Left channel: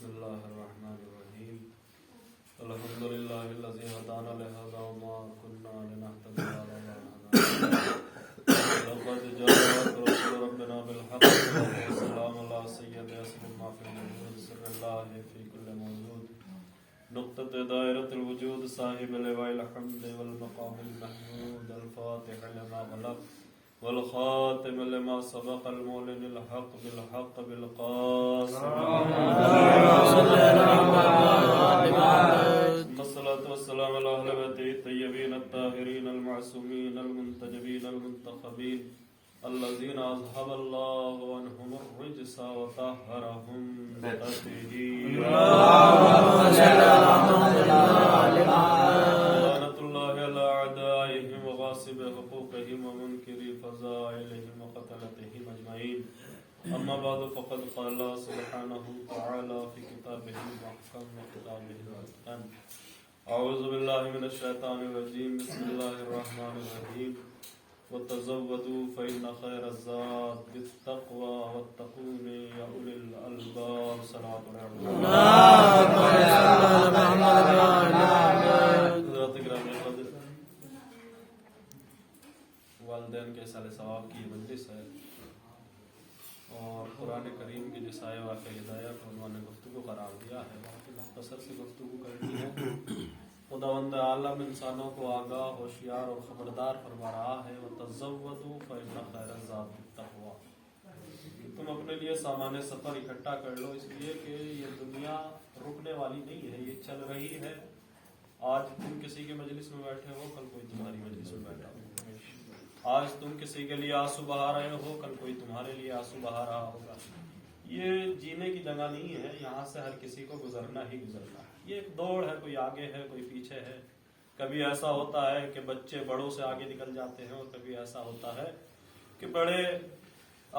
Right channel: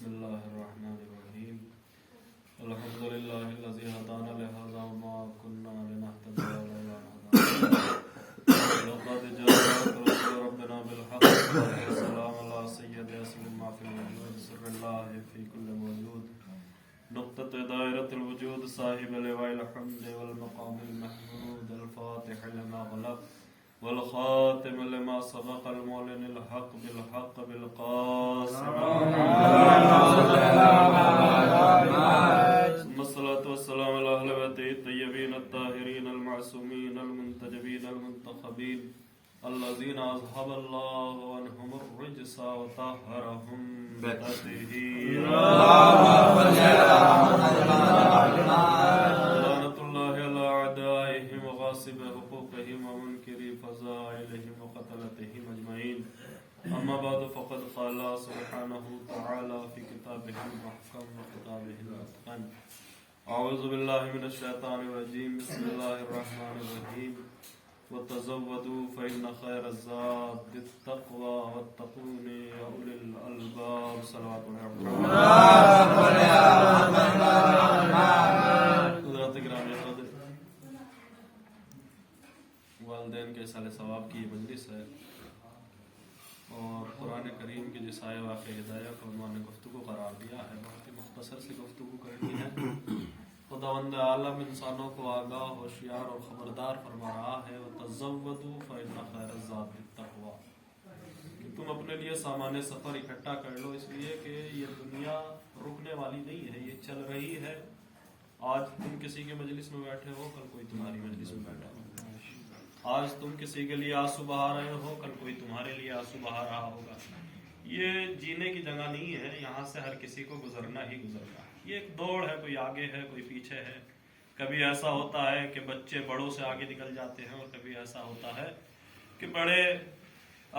بسم الله الرحمن الرحيم الحمد لله الذي هدانا لهذا وما كنا لنهتدي لولا أن هدانا لقد جاءك رسول ربنا بالحق والسلام على سيد ياسين ما في الوجود سر الله في كل موجود نقطة دائرة الوجود صاحب لواء الحمد والمقام المحمود الفاتح لما غلق والخاتم لما سبق المعلن الحق بالحق بالقاسم الصلاة والسلام على أهل بيته الطيبين الطاهرين المعصومين المنتجبين المنتخبين الذين أذهب الله عنهم الرجس وطهرهم بتطهير لعنة الله على أعدائهم وغاصب حقوقهم ومنكر فضائلهم وقتلتهم أجمعين أما بعد فقد قال الله سبحانه وتعالى في كتابه المحكم وكتابه المتقن أعوذ بالله من الشيطان الرجيم بسم الله الرحمن الرحيم وتزودوا فإن خير الزاد التقوى واتقون يا أولي الألباب صلوات والدین کے سال ثواب کی مجلس ہے اور قرآن کریم کی جسائے واقع ہدایہ کو عنوان گفتگو قرار دیا ہے، بہت ہی مختصر سی گفتگو کرنی ہے۔ خداوند عالم انسانوں کو آگاہ، ہوشیار اور خبردار فرما رہا ہے وَتَزَوَّدُوا فَإِنَّ خَيْرَ الزَّادِ التَّقْوَىٰ، کہ تم اپنے لیے سامان سفر اکٹھا کر لو، اس لیے کہ یہ دنیا رکنے والی نہیں ہے، یہ چل رہی ہے۔ آج تم کسی کے مجلس میں بیٹھے ہو، کل کوئی تمہاری مجلس میں بیٹھا ہو۔ آج تم کسی کے لیے آنسو بہا رہے ہو، کل کوئی تمہارے لیے آنسو بہا رہا ہوگا۔ یہ جینے کی جگہ نہیں ہے، یہاں سے ہر کسی کو گزرنا ہی گزرنا ہے۔ یہ ایک دوڑ ہے، کوئی آگے ہے کوئی پیچھے ہے۔ کبھی ایسا ہوتا ہے کہ بچے بڑوں سے آگے نکل جاتے ہیں، اور کبھی ایسا ہوتا ہے کہ بڑے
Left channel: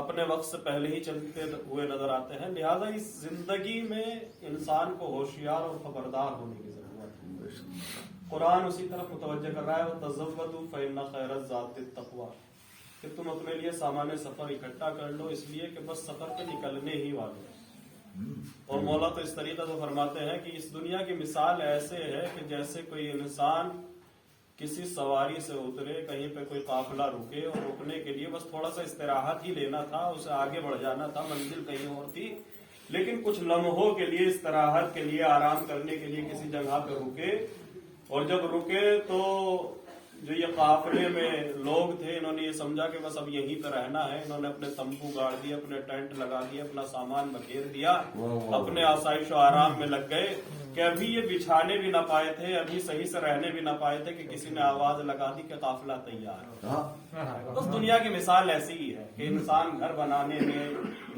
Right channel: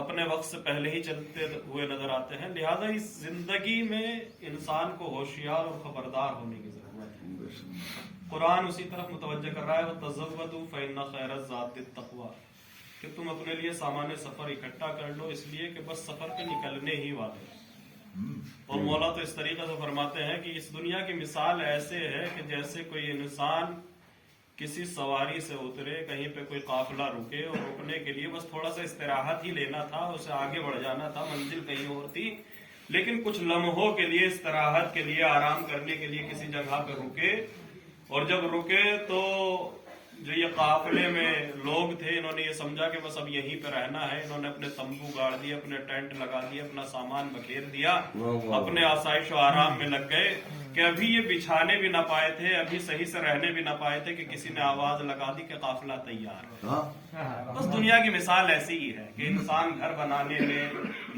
اپنے وقت سے پہلے ہی چلتے ہوئے نظر آتے ہیں۔ لہذا اس زندگی میں انسان کو ہوشیار اور خبردار ہونے کی ضرورت ہے۔ قرآن اسی طرف متوجہ کر رہا ہے وَتَزَوَّدُوا فَإِنَّ خَيْرَ الزَّادِ التَّقْوَىٰ، کہ تم اپنے لیے سامان سفر اکٹھا کر لو، اس لیے کہ بس سفر پہ نکلنے ہی والے۔ اور مولا تو اس طریقے سے فرماتے ہیں کہ اس دنیا کی مثال ایسے ہے کہ جیسے کوئی انسان کسی سواری سے اترے، کہیں پہ کوئی قافلہ رکے، اور رکنے کے لیے بس تھوڑا سا استراحت ہی لینا تھا، اسے آگے بڑھ جانا تھا، منزل کہیں اور تھی، لیکن کچھ لمحوں کے لیے استراحت کے لیے، آرام کرنے کے لیے کسی جگہ پہ رکے، اور جب رکے تو جو یہ قافلے میں لوگ تھے، انہوں نے یہ سمجھا کہ بس اب یہیں پہ رہنا ہے۔ انہوں نے اپنے تمبو گاڑ دیے، اپنے ٹینٹ لگا دیے، اپنا سامان بکھیر دیا، اپنے آسائش و آرام میں لگ گئے کہ ابھی یہ بچھانے بھی نہ پائے تھے، ابھی صحیح سے رہنے بھی نہ پائے تھے کہ کسی نے آواز لگا دی کہ قافلہ تیار ہے۔ بس دنیا کی مثال ایسی ہی ہے کہ انسان گھر بنانے میں،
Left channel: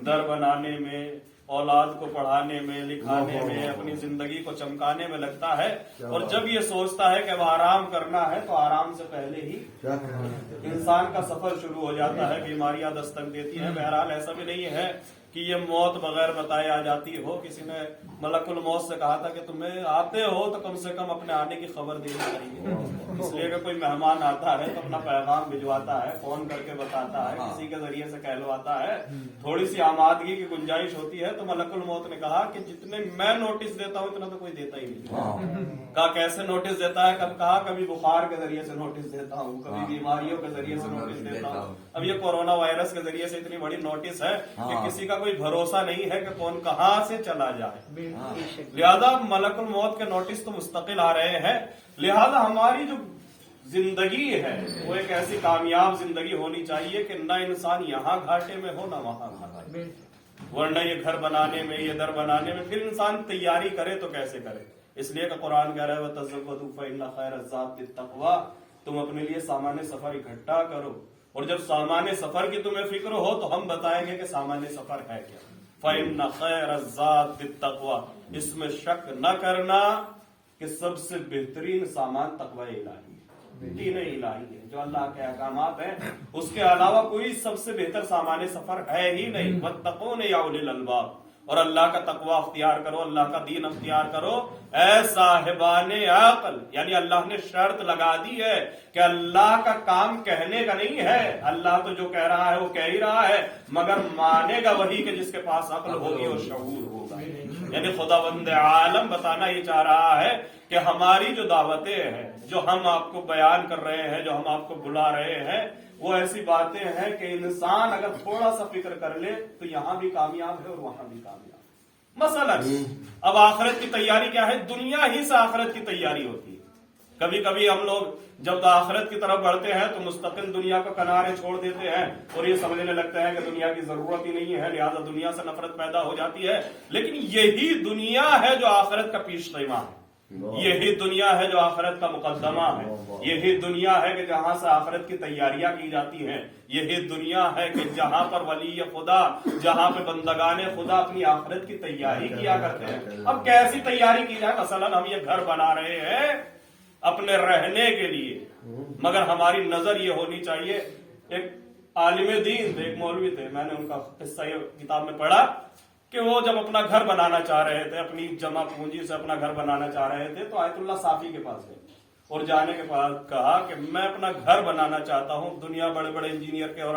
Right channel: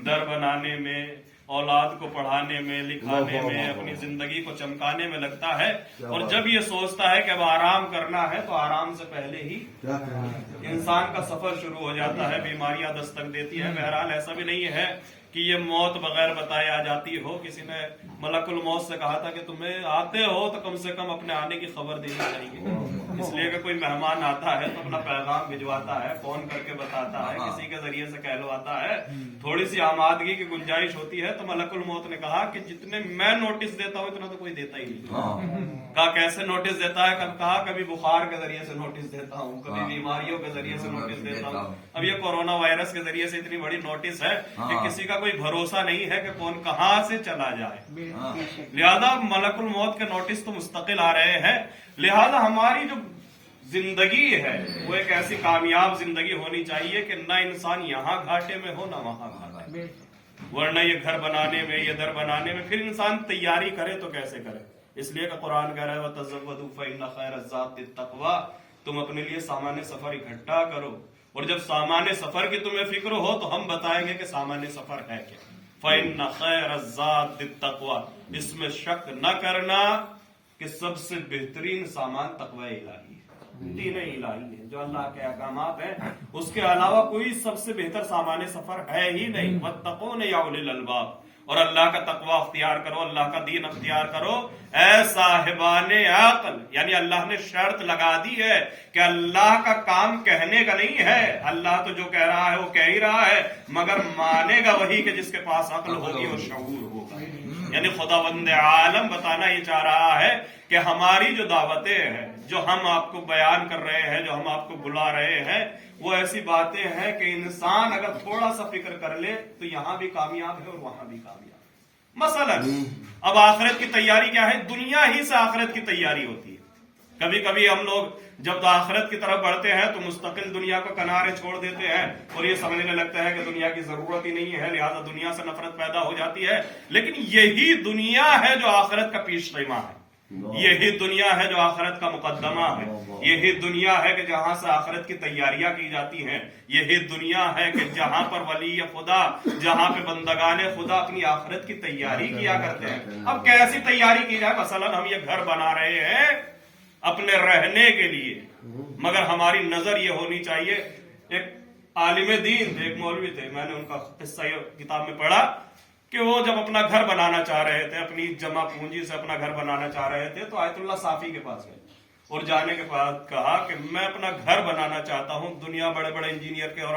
در بنانے میں، اولاد کو پڑھانے میں، لکھانے میں، اپنی زندگی کو چمکانے میں لگتا ہے، اور جب یہ سوچتا ہے کہ اب آرام کرنا ہے تو آرام سے پہلے ہی انسان کا سفر شروع ہو جاتا ہے، بیماریاں دستک دیتی ہیں۔ بہرحال ایسا بھی نہیں ہے کہ یہ موت بغیر بتائے آ جاتی ہو۔ کسی نے ملک الموت سے کہا تھا کہ تمہیں آتے ہو تو کم سے کم اپنے آنے کی خبر دینی چاہیے، اس لیے کہ کوئی مہمان آتا ہے تو اپنا پیغام بھجواتا ہے، فون کر کے بتاتا ہے، کسی کے ذریعے سے کہلواتا ہے، تھوڑی سی آمادگی کی گنجائش ہوتی ہے۔ تو ملک الموت نے کہا کہ جتنے میں نوٹس دیتا ہوں اتنا تو کوئی دیتا ہی نہیں۔ کہا کیسے نوٹس دیتا ہے؟ کہا کبھی بخار کے ذریعے سے نوٹس دیتا ہوں، کبھی بیماریوں کے ذریعے سے نوٹس دیتا ہوں، اب یہ کورونا وائرس کے ذریعے سے اتنی بڑی نوٹس ہے کہ کسی کا کوئی بھروسہ نہیں ہے کہ کون کہاں سے چلا جائے۔ لہذا ملک الموت کے نوٹس تو مستقل آ رہے ہیں۔ لہذا ہماری جو زندگی ہے وہ ایک ایسی کامیاب زندگی ہونی چاہیے کہ نہ انسان یہاں گھاٹے میں ہو، نہ وہاں گھاٹے میں، ورنہ یہ گھر بنانے میں، یہ در بنانے میں پھر انسان تیاری کرے تو کیسے کرے؟ اس لیے کہ قرآن کہہ رہا ہے وَتَزَوَّدُوا فَإِنَّ خَيْرَ الزَّادِ التَّقْوَىٰ، تم اپنے لیے سامان سفر اکٹھا کرو، اور جب سامان سفر کی تمہیں فکر ہو تو ہم بتائیں گے کہ سامان سفر ہے کیا۔ فَإِنَّ خَيْرَ الزَّادِ التَّقْوَىٰ، اس میں شک نہ کرنا کہ سب سے بہترین سامان تقوی الہی ہے، دین الہی ہے، جو اللہ کے احکامات ہیں، اس کے علاوہ کوئی سب سے بہتر سامان سفر ہے ہی نہیں۔ وَاتَّقُونَ يَا أُولِي الْأَلْبَابِ، اور اللہ کا تقوی اختیار کرو، اللہ کا دین اختیار کرو اے صاحبان عقل۔ یعنی اللہ نے شرط لگا دی ہے کہ اللہ کا کام کہنے کا نہیں ہے، اللہ تو جو کہہ رہا ہے وہ کہہ ہی رہا ہے، مگر مانے گا وہی کہ جس کے پاس عقل ہوگی اور شعور ہوگا۔ یعنی خداوند عالم بتانا یہ چاہ رہا ہے کہ ہماری جو دعوتیں ہیں، جو ہم آپ کو بیان کر رہے ہیں، جو ہم آپ کو بلا رہے ہیں، وہ ایسی باتیں ہیں کہ انسان اگر تھوڑا سا فکر کر لے تو یہاں بھی کامیاب ہے اور وہاں بھی کامیاب ہے۔ مثلا اب آخرت کی تیاری کیا ہے؟ دنیا ہی سے آخرت کی تیاری ہوتی ہے۔ کبھی کبھی ہم لوگ جب آخرت کی طرف بڑھتے ہیں تو مستقل دنیا کو کنارے چھوڑ دیتے ہیں اور یہ سمجھنے لگتے ہیں کہ دنیا کی ضرورت ہی نہیں ہے، لہذا دنیا سے نفرت پیدا ہو جاتی ہے۔ لیکن یہی دنیا ہے جو آخرت کا پیش خیمہ ہے، یہی دنیا ہے جو آخرت کا مقدمہ ہے، یہی دنیا ہے کہ جہاں سے آخرت کی تیاریاں کی جاتی ہیں، یہی دنیا ہے کہ جہاں پر ولی خدا، جہاں پہ بندگان خدا اپنی آخرت کی تیاری کیا کرتے ہیں۔ اب کیسی تیاری کی جائے؟ مثلا ہم یہ گھر بنا رہے ہیں اپنے رہنے کے لیے، مگر ہماری نظر یہ ہونی چاہیے۔ ایک عالم دین تھے، ایک مولوی تھے، میں نے ان کا قصہ کتاب میں پڑھا کہ وہ جب اپنا گھر بنانا چاہ رہے تھے، اپنی جمع پونجی سے اپنا گھر بنانا چاہ رہے تھے، تو آیت اللہ صافی کے پاس گئے اور جانے کے بعد کہا کہ میں اپنا گھر بنانا چاہتا ہوں۔ دنیا بڑے بڑے انجینئر کے اور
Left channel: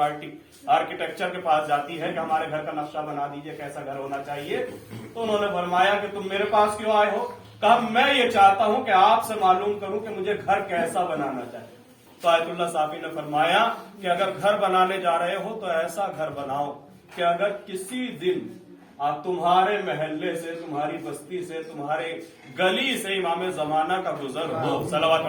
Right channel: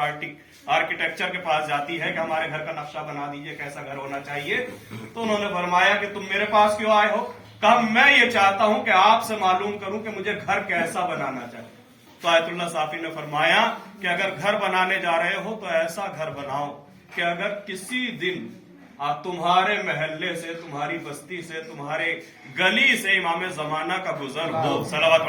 آرکیٹیکچر کے پاس جاتی ہے کہ ہمارے گھر کا نقشہ بنا دیجئے، کیسا گھر ہونا چاہیے۔ تو انہوں نے فرمایا کہ تم میرے پاس کیوں آئے ہو؟ کہا میں یہ چاہتا ہوں کہ آپ سے معلوم کروں کہ مجھے گھر کیسا بنانا چاہیے۔ تو آیت اللہ صافی نے فرمایا کہ اگر گھر بنانے جا رہے ہو تو ایسا گھر بناؤ کہ اگر کسی دن تمہارے محلے سے، تمہاری بستی سے، تمہارے گلی سے امام زمانہ کا گزر ہو، صلوات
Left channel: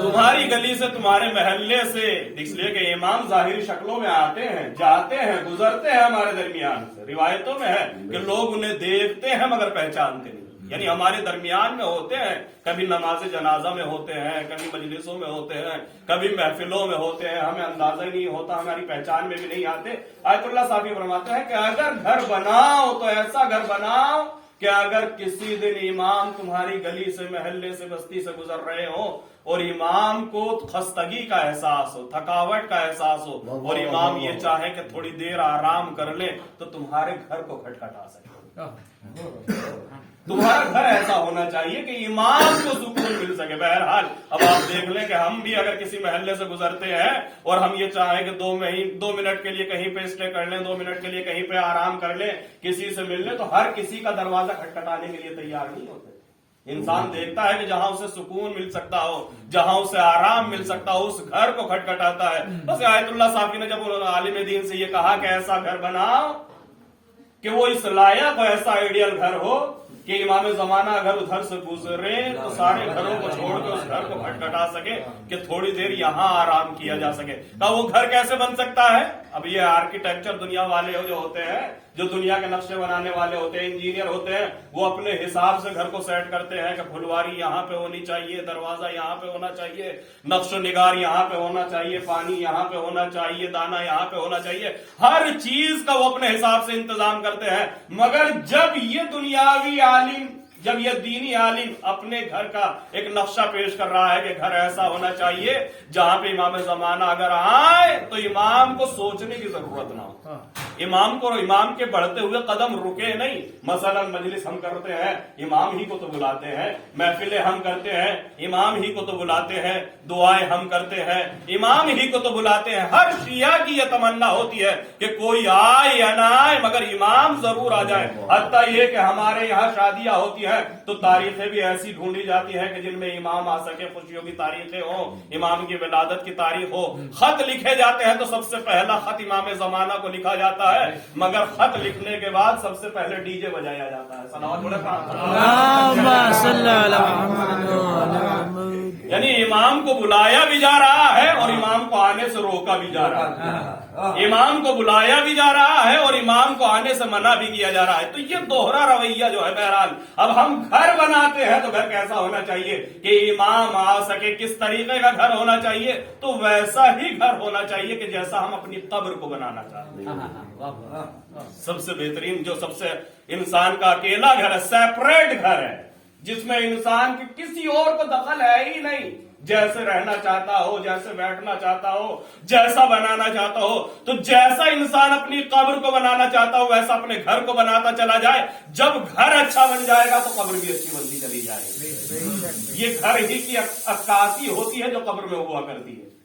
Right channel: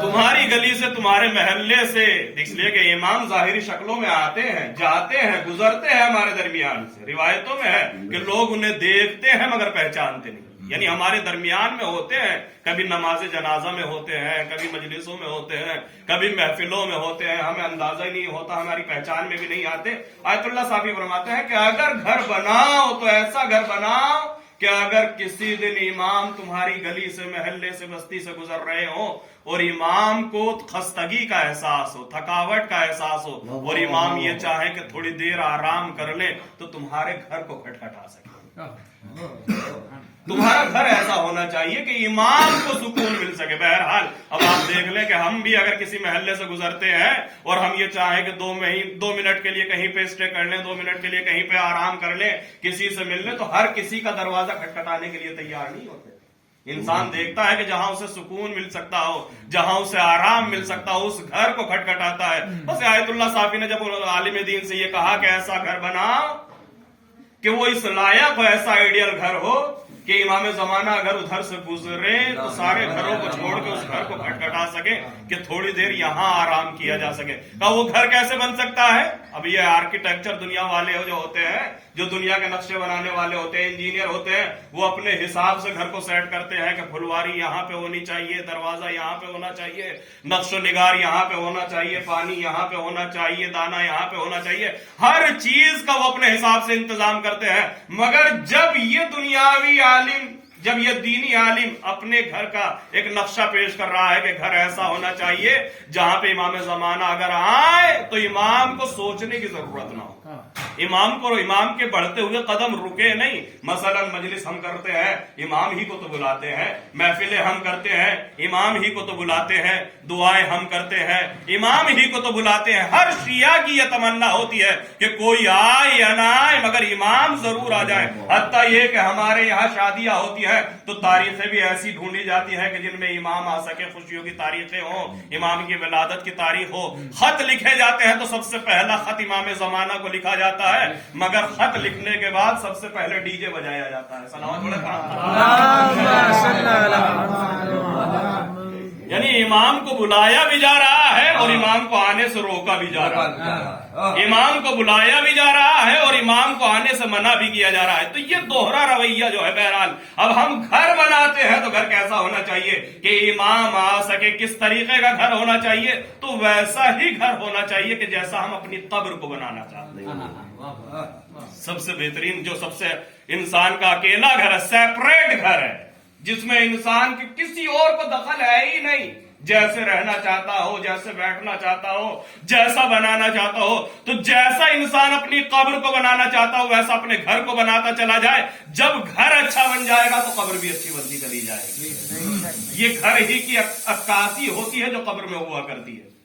تمہاری گلی سے، تمہارے محلے سے، اس لیے کہ امام ظاہری شکلوں میں آتے ہیں، جاتے ہیں، گزرتے ہیں ہمارے درمیان سے۔ روایتوں میں ہے کہ لوگ انہیں دیکھتے ہیں مگر پہچانتے نہیں، یعنی ہمارے درمیان میں ہوتے ہیں، کبھی نماز جنازہ میں ہوتے ہیں، کبھی مجلسوں میں ہوتے ہیں، کبھی محفلوں میں ہوتے ہیں، ہمیں اندازہ ہی نہیں ہوتا، ہماری پہچان میں بھی نہیں آتے۔ آیت اللہ صافی فرماتے ہیں کہ اگر گھر بناؤ تو ایسا گھر بناؤ کہ اگر کسی دن امام تمہاری گلی سے، محلے سے، بستی سے گزر رہے ہو اور امام کو خستگی کا احساس ہو، تھکاوٹ کا احساس ہو، اور امام یہ چاہیں کہ تھوڑی دیر آرام کر لیں، تو تمہارے گھر کو کھٹکھٹا سکے۔ تمہارا گھر ایسا ہونا چاہیے کہ امام کو سکون مل سکے۔ بہرحال اب آپ دیکھ لیں کہ ہم بھی اگر کسی محلے سے گزرتے ہیں اور ہم یہ چاہیں کہ 2 منٹ کے لیے کہیں پہ اسٹے کر لیں، 2 منٹ کے لیے کہیں پہ آرام کر لیں، کسی سے مل لیں، تو ہر کسی کا دروازہ کھٹکھٹانے کے لیے تیار نہیں ہوتے۔ انسان دیکھتا ہے کہ جہاں اسے سکون مل سکتا ہو، جہاں اسے آرام مل سکتا ہو، اس گھر کو کھٹکھٹاتا ہے۔ بس آیت اللہ صافی نے جب عالم دین سے یہ کہا کہ ایسا گھر بناؤ کہ وہ اس لائق ہو، ایسا آئیڈیل گھر ہو کہ امام زمانہ اگر ادھر سے گزرے تو سارے گھروں کو چھوڑ کے اس گھر کو کھٹکھٹا سکے کہ تھوڑی دیر یہاں آرام کیا جا سکے۔ کہا وہ گھر کیسے بن سکتا ہے؟ اب یہ آرکیٹیکچر دنیا والے جو ہوتے ہیں، جو دنیا کے نقشے بنانے والے ہوتے ہیں، انجینئر ہوتے ہیں، وہ اپنے حساب سے گھر کو سیٹ کرتے ہیں کہ پھلواری یہاں پہ ہونی چاہیے، دروازہ یہاں پہ ہونا چاہیے، نقش و نگار یہاں پہ ہونا چاہیے، پانی یہاں پہ ہونا چاہیے، دانا یہاں پہ ہونا چاہیے، ہر چیز کا وہ اپنے حساب سے انتظام کرتے ہیں۔ مگر جب یہ دنیاوی عالم، جب یہ دینی عالم اپنے گھر کا ایک نقشہ پیش کر رہا ہے کہ گھر ایسا ہونا چاہیے جہاں پہ امام زمانہ اگر آئے تو امام کو سوچنے کی ضرورت نہ ہو، امام کے بڑھتے ہوئے قدم رکے نہیں۔ مثلا مجلس ہم کرتے ہیں، امام ہی کو تو بلاتے ہیں، محفلیں ہم کرتے ہیں، امام ہی کو تو بلاتے ہیں، دعائیں ہم کرتے ہیں، امام ہی کو تو بلاتے ہیں۔ ہر شیعہ کی یہ تمنا ہوتی ہے کہ کوئی آئے یا نہ آئے مگر امام ضرور آ جائے۔ حتیٰ یہ کہ ہمارے یہاں شادیاں ہوتی ہے تو تاریخیں بھی ایسی ڈھونڈی جاتی ہے کہ جن میں امام آ سکے، خوشیوں کی تاریخیں ہوں، امام کی ولادت کی تاریخ ہو۔ خط لکھے جاتے ہیں تو سب سے پہلا خط امام زمانہ کو لکھا جاتا ہے، مگر خط لکھنے کے بعد سب سے پہلے ڈی جے بجایا جاتا ہے۔ سلام یعنی امام کو بلایا بھی جا رہا ہے اور امام کو آنے سے روکا بھی جا رہا ہے، امام کو بلایا بھی جا رہا ہے اور امام کو آنے سے منع بھی کیا جا رہا ہے۔ تو یہ دوہرا رویہ جو ہے، بہرحال اب ہم گھر بناتے ہیں تو گھر کیسا ہونا چاہیے کہ امام آ سکے، کس طریقے کا گھر ہونا چاہیے؟ تو ویسا ہی گھر ہونا چاہیے کہ جیسا ہم اپنی قبر کو بنانا چاہتے ہیں۔ سب سے بہترین، جو سب سے انسان کا اکیلا گھر ہے، سیپریٹ گھر ہے، جس میں انسان کی کسی اور کو دخل ہے ہی نہیں، جیسے رہنا چاہتا ہو، جیسے بیٹھنا چاہتا ہو، جیسا بنانا چاہتا ہو۔ تو جیسا انسان اپنی قبر کو بنانا چاہتا ہو ویسا اپنے گھر کو بناتا چلا جائے۔ جب گھر اچھا بن جائے گا تو قبر بھی اچھی بنتی چلی جائے گی۔ یہ گھر ہی کی عکاسی ہوتی ہے جو قبر میں ہوا کرتی ہے۔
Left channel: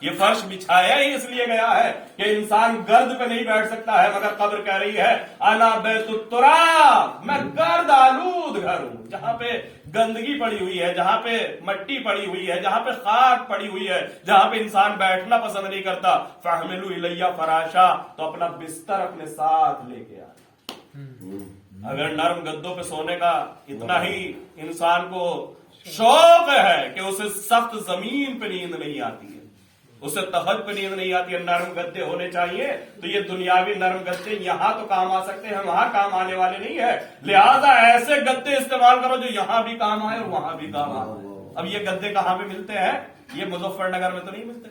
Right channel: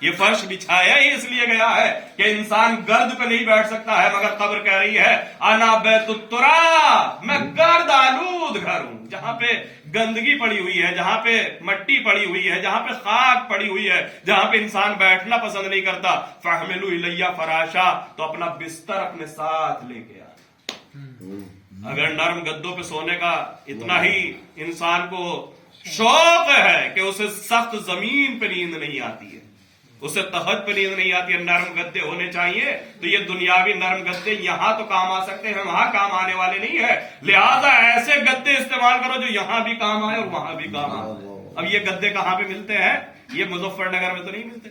یہ فرش بچھایا ہی اس لیے گیا ہے کہ انسان گرد پہ نہیں بیٹھ سکتا ہے، مگر قبر کہہ رہی ہے انا بیت التراب، میں گرد آلود گھر ہوں، جہاں پہ گندگی پڑی ہوئی ہے، جہاں پہ مٹی پڑی ہوئی ہے، جہاں پہ خاک پڑی ہوئی ہے، جہاں پہ انسان بیٹھنا پسند نہیں کرتا، فاحملوا الیہ فراشا، تو اپنا بستر اپنے ساتھ لے کے آ۔ اگر نرم گدوں پہ سونے کا اتنا ہی انسان کو شوق ہے کہ اسے سخت زمین پہ نیند نہیں آتی ہے، اسے تخت پہ نیند نہیں آتی ہے، نرم گدے ہونے چاہیے، تو یہ دنیاوی نرم گدے یہاں تو کام آ سکتے ہیں، وہاں کام آنے والے نہیں ہے، لہذا ایسے گدے استعمال کرو جو یہاں بھی کام آئے اور وہاں بھی کام آئے۔ اب یہ گدے کہاں پہ ملتے ہیں؟ یہ مظفر نگر میں تو نہیں ملتے،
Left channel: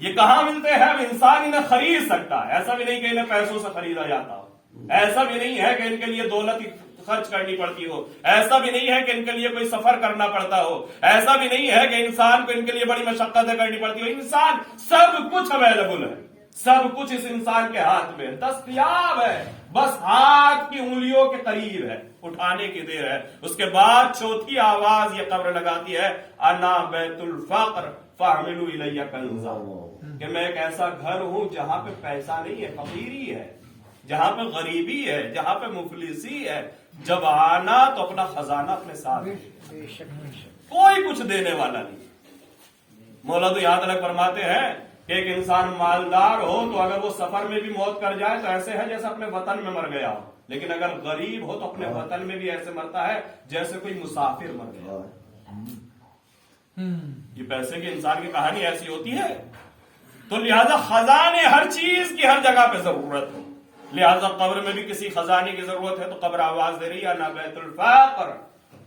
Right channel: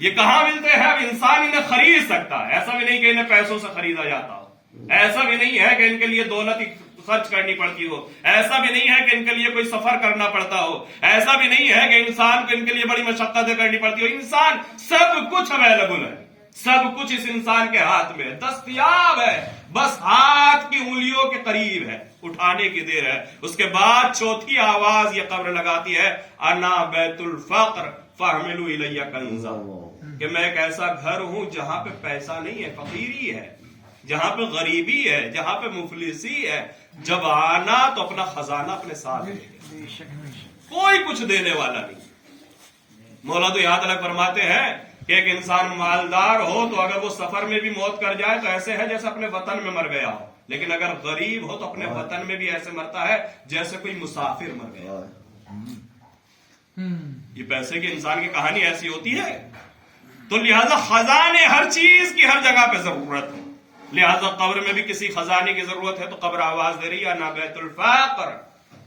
یہ کہاں ملتے ہیں؟ اب انسان انہیں خرید سکتا ہے، ایسا بھی نہیں کہ انہیں پیسوں سے خریدا جاتا ہو، ایسا بھی نہیں ہے کہ ان کے لیے دولت خرچ کرنی پڑتی ہو، ایسا بھی نہیں ہے کہ ان کے لیے کوئی سفر کرنا پڑتا ہو، ایسا بھی نہیں ہے کہ انسان کو ان کے لیے بڑی مشقتیں کرنی پڑتی ہو، انسان سب کچھ اویلیبل ہے، سب کچھ اس انسان کے ہاتھ میں دستیاب ہے، بس ہاتھ کی انگلیوں کے قریب ہے، اٹھانے کی دیر ہے۔ اس کے بعد چوتھی آواز یہ قبر لگاتی ہے انا بیت الفقر فاحملوا الیہ کنزا، کہ میں ایک ایسا گھر ہوں جہاں پہ پیسہ نہیں ہے، فقیری ہے، جہاں پہ غریبی ہے، جہاں پہ مفلسی ہے، جب آنا تو اپنا خزانہ اپنے ساتھ لے کے، کوئی کچھ دینے والا نہیں۔ مولا تو یہاں تک فرماتے ہیں کہ ایک انسان مالدار ہو تو اگر وہ سفر میں بھی موت کر جائے تو ایسے ہے جیسے اپنے وطن میں مر گیا ہو، لیکن اگر غریب ہو تو اپنے وطن میں بھی ایسے مرتا ہے جیسے کوئی مسافر مر گیا۔ یہ پیسے کے انسان کی کہانی ایسی ہوتی ہے، تو لہذا خزانے ہر چیز کی ہر جگہ پہ ضرورت ہے، لہذا قبر میں بھی کسی خزانے کی ضرورت ہے، تو قبر آواز دے رہی ہے انا بیت الفقر،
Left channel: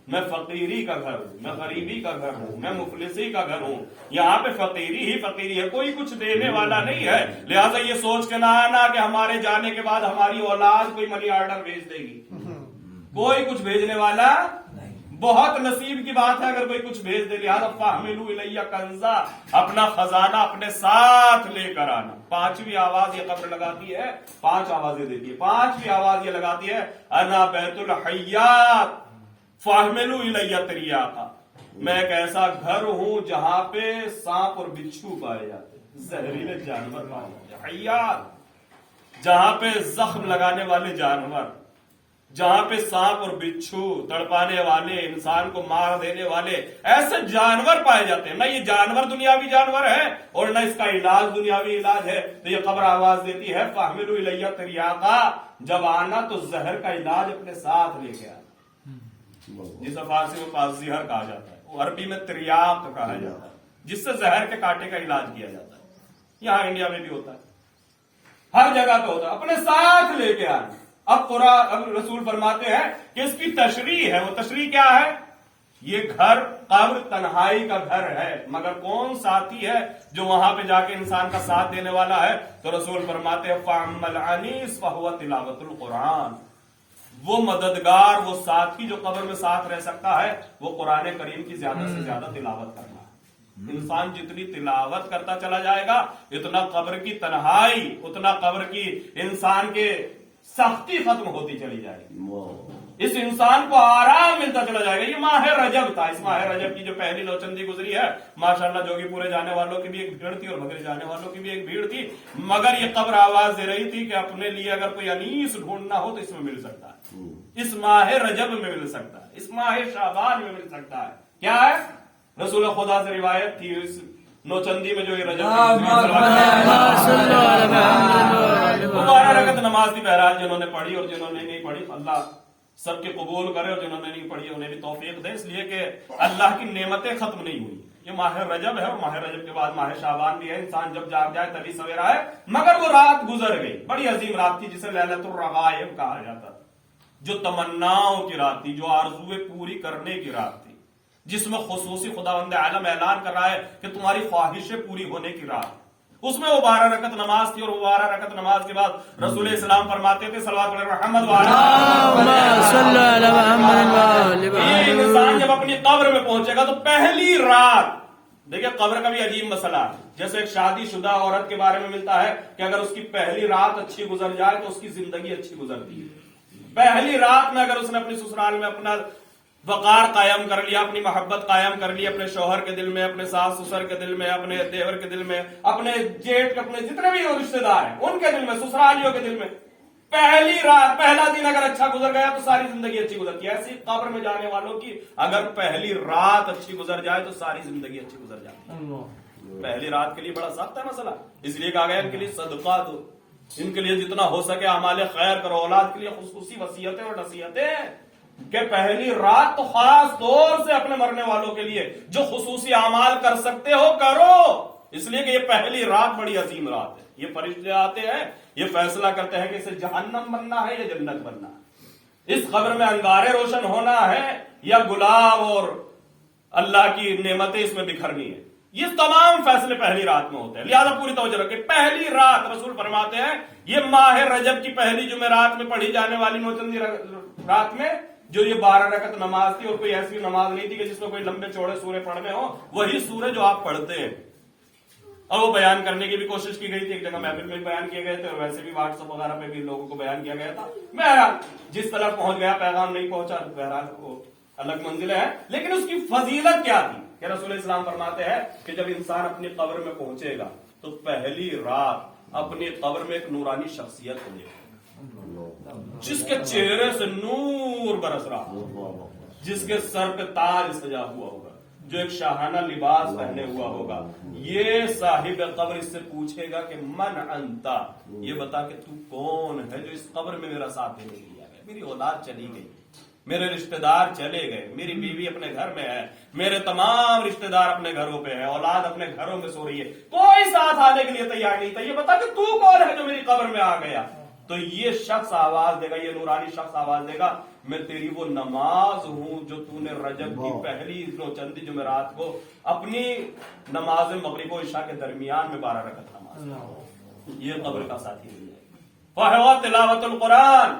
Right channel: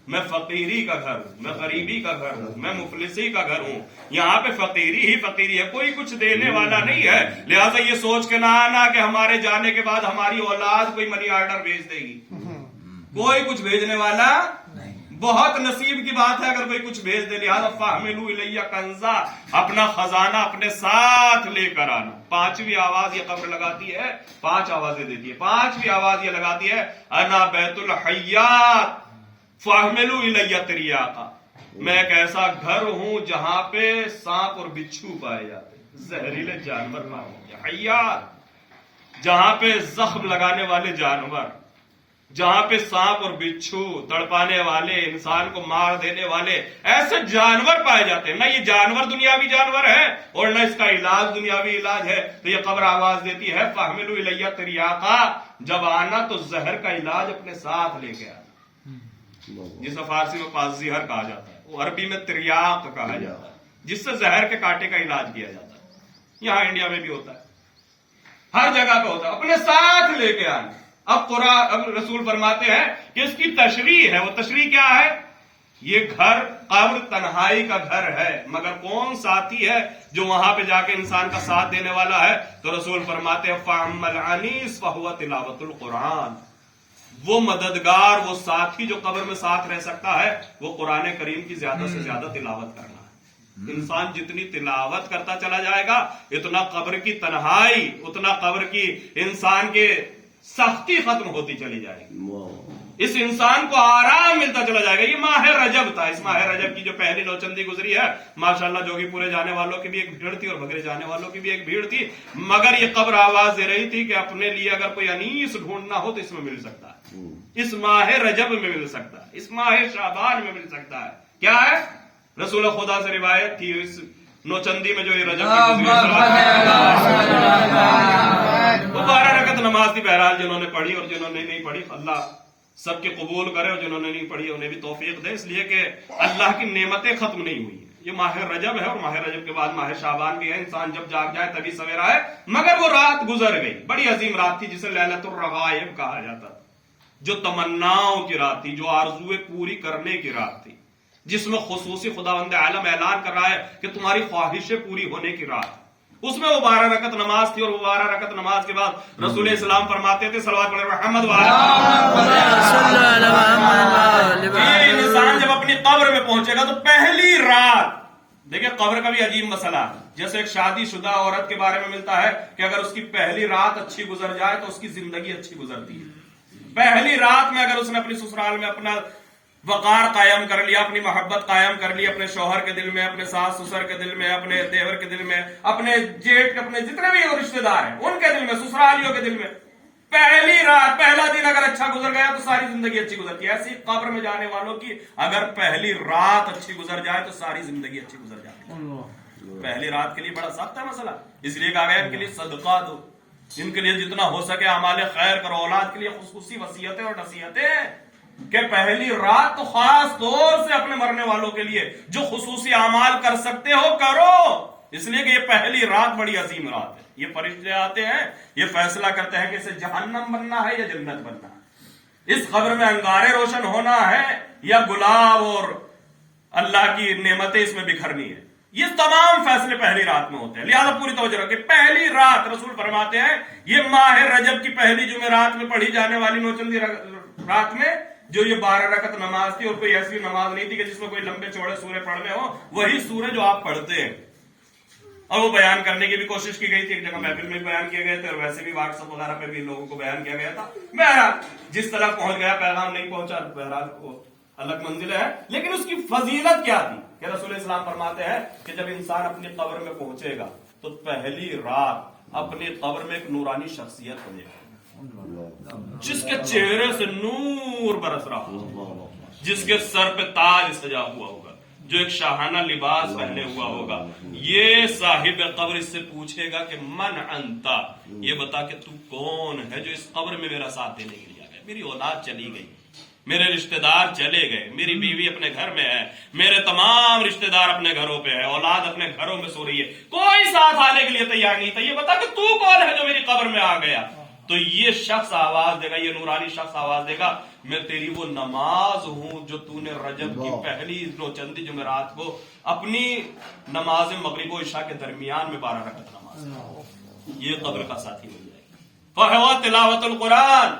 میں فقیری کا گھر ہوں، میں غریبی کا گھر ہوں، میں مفلسی کا گھر ہوں، یہاں پہ فقیری ہی فقیری ہے، کوئی کچھ دینے والا نہیں ہے، لہذا یہ سوچ کے نہ آنا کہ ہمارے جانے کے بعد ہماری اولاد کوئی منی آرڈر بھیج دے گی، کوئی کچھ بھیجنے والا بہت نصیب کی بات ہے اگر کوئی کچھ بھیج دے، لہذا فاحملوا الیہ کنزا، اپنا خزانہ اپنے ساتھ لے کر آنا۔ پانچویں آواز یہ قبر لگاتی ہے، 5 آوازیں دیتی ہے، پانچویں آواز یہ لگاتی ہے انا بیت الحیات فاحملوا الیہ تریاقا، میں ایک ایسا گھر ہوں جہاں پہ سانپ اور بچھو پائے جاتے ہیں، زہریلے جانور پائے جاتے ہیں، حیات، جہاں پہ زخم لگانے والے جانور، جہاں پہ سانپ اور بچھو تڑپانے والے، انسان کو مار دینے والے ایسے جانور پائے جاتے ہیں، نہ یہ جانور دنیاوی جانور ہے اور نہ اس کا علاج دنیاوی علاج ہے، تو یہ قبر آواز دیتی ہے فاحملوا الیہ تریاقا، جب آنا تو زہر کا علاج اپنے ساتھ لے کے آنا، جسے فارسی میں پازیہر کہا جاتا ہے، وہ عربی میں تریاق کہا جاتا ہے، جس سے زہر کے کانٹے کا علاج کیا جاتا ہے، یہاں انڈیا میں بھی ہوتا ہے، ہر جگہ پہ ہوتا ہے، اپنے ساتھ لے کے آنا۔ اب رسول فرماتے ہیں کہ اس کی تشریح ہے، وہ تشریح کیا ہے؟ یہ گھر قبر تنہائی کا گھر ہے، مگر کون ساتھی ہے جو وہاں پہ جا کے انسان کا ساتھ دینے والا ہے؟ تو رسول فرماتے ہیں فَأَمَّا الْعَنِيسُ فَهُوَ تِلَاوَةُ الْقُرْآنِ، وہ مددگار، وہ ساتھی جو قبر میں ساتھ رہ سکتا ہے وہ قرآن کریم کی زیادہ سے زیادہ تلاوت کرنا ہے۔ انسان جتنی تلاوت کرتا چلا جائے گا اتنا قبر کی تنہائی، اتنا قبر کی انسان کے سختی ختم ہوتی چلی جائے گی، اس انسان کو آرام ملتا چلا جائے گا۔ یہ ماہ رجب تھا، اس ماہ رجب کی جو پہلی نوچندی گزری ہے، ماشاءاللہ جوگی پورے جانے والوں کی بھی ایک بھیڑ تھی اور بھگرے جانے والوں کی بھی ایک بھیڑ تھی، مگر یہ قبر آواز دے رہی تھی کہ اپنے لیے اگر کوئی انیس ڈھونڈنا ہو تو اس میں مل سکتا ہے، اس ماہ رجب میں مل سکتا ہے، اس ماہ شعبان میں مل سکتا ہے۔ کیا ہے؟ رسول خدا سے روایت تھی اس نوچندی میں جو یہ رجب کی 12 رکعت نماز تھی، بہرحال جنہوں نے پڑھی اور جنہوں نے نہیں پڑھی اللہ سب کے قبول کرے، اور جنہوں نے نہیں پڑھی انہیں بھی توفیق دے، اس لیے کہ اللہ کی نعمتیں ختم نہیں ہوئی۔ یہ ماہ رجب ہے اور ماہ رجب کے بعد ماہ شعبان بھی ہے، انسان جب جاگ جائے تبھی سویرا ہے، مگر وہ رات گزر گئی، بڑی عظیم رات تھی جسے لیلۃ الرغائب کہا جاتا، جو تمناؤں کی رات تھی، جو آرزویں پوری کرنے کی رات تھی، جس میں خصوصی خداوند عالم اعلان کر رہا ہے کہ تمہاری خواہشیں پوری ہونے کی رات، اس میں وہ 12 رکعت نماز تھی، اور وہ 12 رکعت نماز کے بعد رسول اسلام فرماتے تھے صلوات محمد یہ انسان جب اپنی قبر میں پہنچے گا تو پہلی رات، دیکھیں قبر کا بھی عجیب مسئلہ ہے، جیسے ایک شادی شدہ عورت کے بارے میں ملتا ہے کہ اگر اس کی پہلی رات اچھی گزر جائے تو اس کی زندگی اچھی گزرتی ہے، پہلی رات میں اگر اس نے اپنی سسرال میں اپنا وقار قائم کر لیا, اپنی محبت قائم کر لی اپنے شوہر کے دل میں, اپنے ساس سسر کے دل میں, اپنے دیور کے دل میں, اپنے جیٹ, اپنے جتنے بھی رشتے دار ہیں ان کے دل میں, سسرالیوں کے دل میں. پہلی رات, پہلا دن اگر اچھا گزر گیا تو ساری زندگی اچھی گزرتی ہے. ایسی قبر میں جانے والوں کی اگر پہلی رات اچھی گزر جائے تو ساری زندگی اچھی گزر جاتی ہے. پہلی رات کے لیے بڑا سخت ہے مسئلہ, اس لیے کہا گیا ان کے لیے صدقہ دو, ان کے لیے جتنا ہو سکے اعمال خیر کرو. اولاد کے لیے خصوصی وصیتیں اور نصیحتیں کہ پہلی رات تو خاص طور سے اپنے مرنے والوں کے لیے جو خصوصی اعمال کر سکتے ہو کرو, اس لیے کہ یہ پہلی رات بڑی عظیم رات ہے. یہ فرشتے آتے ہیں, یہ فیصلہ کرتے ہیں کہ اسے جہنم بننا ہے یا جنت بننا ہے, اس قبر میں انگارے روشن ہونا ہے یا گلاب اور اللہ کی نعمتیں اس میں بکھرنی ہے. یہ تمام فیصلے پہلی رات میں ہوتے ہیں. لہذا پوری توجہ رکھیں, پہلی رات رسول فرماتے ہیں یہ ماہ رجب کی پہلی جمعرات میں پڑھی جانے والی نوچندی رات میں جو یہ 12 رکعت نماز تھی, اور کوئی ایسی نماز نہیں تھی کہ جس میں کوئی لمبے چوڑے سورے پڑھنے ہو, وہی سورے جو آپ پڑھتے ہیں. اور وہ بیان کرنے کی بھی کوشش کی گئی تھی, ایک جگہ محفل میں بھی بیان کیے گئے تھے اور ویسے بھی واٹس ایپ وغیرہ پہ بھی لوگوں کو بیان کیا گیا تھا. بہرحال جس طرح پہنچ گیا, پیغام نہیں پہنچا, بہرحال وہ الگ منزل ہے. لیکن اس کی فضیلت کیا تھی کہ رسول اسلام فرماتے ہیں کہ جب انسان اپنی قبر میں پہنچے گا تو پہلی رات اپنی قبر میں ایک نورانی شخصیت بنے گا جس کے چہرے سے نور برس رہا ہوگا, جس کے سر پہ تاج سجا ہوا ہوگا, جو ایک شاہانہ لباس پہنے ہوا ہوگا. یہ صاحب قبر اس سے پوچھے گا کہ من انتا, یہ بتا کہ تو کون ہے جو اس قبر میں میرا ساتھ دینے کے لیے آ گیا. میری اولاد چلی گئی, میرے رشتہ دار چلے گئے, میری بیوی اپنے گھر میں ہے, میرے تمام رشتہ دار اپنے گھروں پہ ہے, اولاد اپنے گھروں میں سو رہی ہے, کوئی ساتھ آنے کے لیے تیار نہیں تھا. یہ بتا کہ تو کون ہے جو میری قبر میں آ گیا. تو یہ شخص آواز دے گا, یہ نورانی شخص آواز دے گا, میں تیری وہ نماز ہوں جو تو نے رجب کی پہلی نوچندی جمعرات کو اپنی نماز مغرب و عشاء کے درمیان میں 12 رکعت نماز. یہ قبر کا ساتھی مل جائے گا. فہو تلاوت القرآن,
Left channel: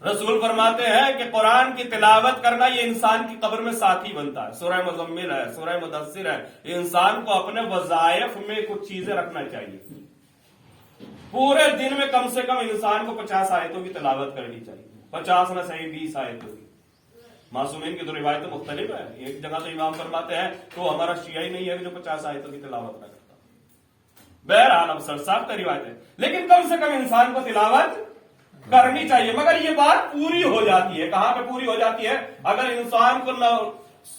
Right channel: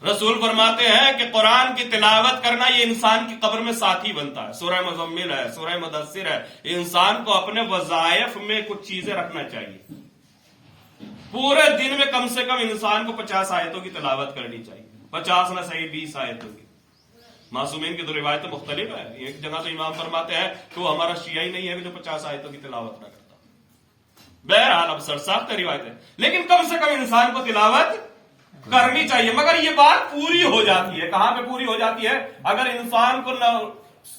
رسول فرماتے ہیں کہ قرآن کی تلاوت کرنا یہ انسان کی قبر میں ساتھی بنتا ہے. سورہ مزمل ہے, سورہ مدثر ہے, انسان کو اپنے وظائف میں کچھ چیزیں رکھنا چاہیے. پورے دن میں کم سے کم انسان کو 50 آیتوں کی تلاوت کرنی چاہیے. 50 نہ صحیح 20 آیتوں کی. معصومین کی تو روایتیں مختلف ہے. ایک جگہ تو امام فرماتے ہیں کہ وہ ہمارا شیعہ ہی نہیں ہے جو 50 آیتوں کی تلاوت نہ کرتا. بہرحال اب سرساخت روایت ہے, لیکن کم سے کم انسان کو تلاوت کرنی چاہیے. مگر یہ بات پوری ہو جاتی ہے, کہاں پہ پوری ہو جاتی ہے؟ اگر انسان کو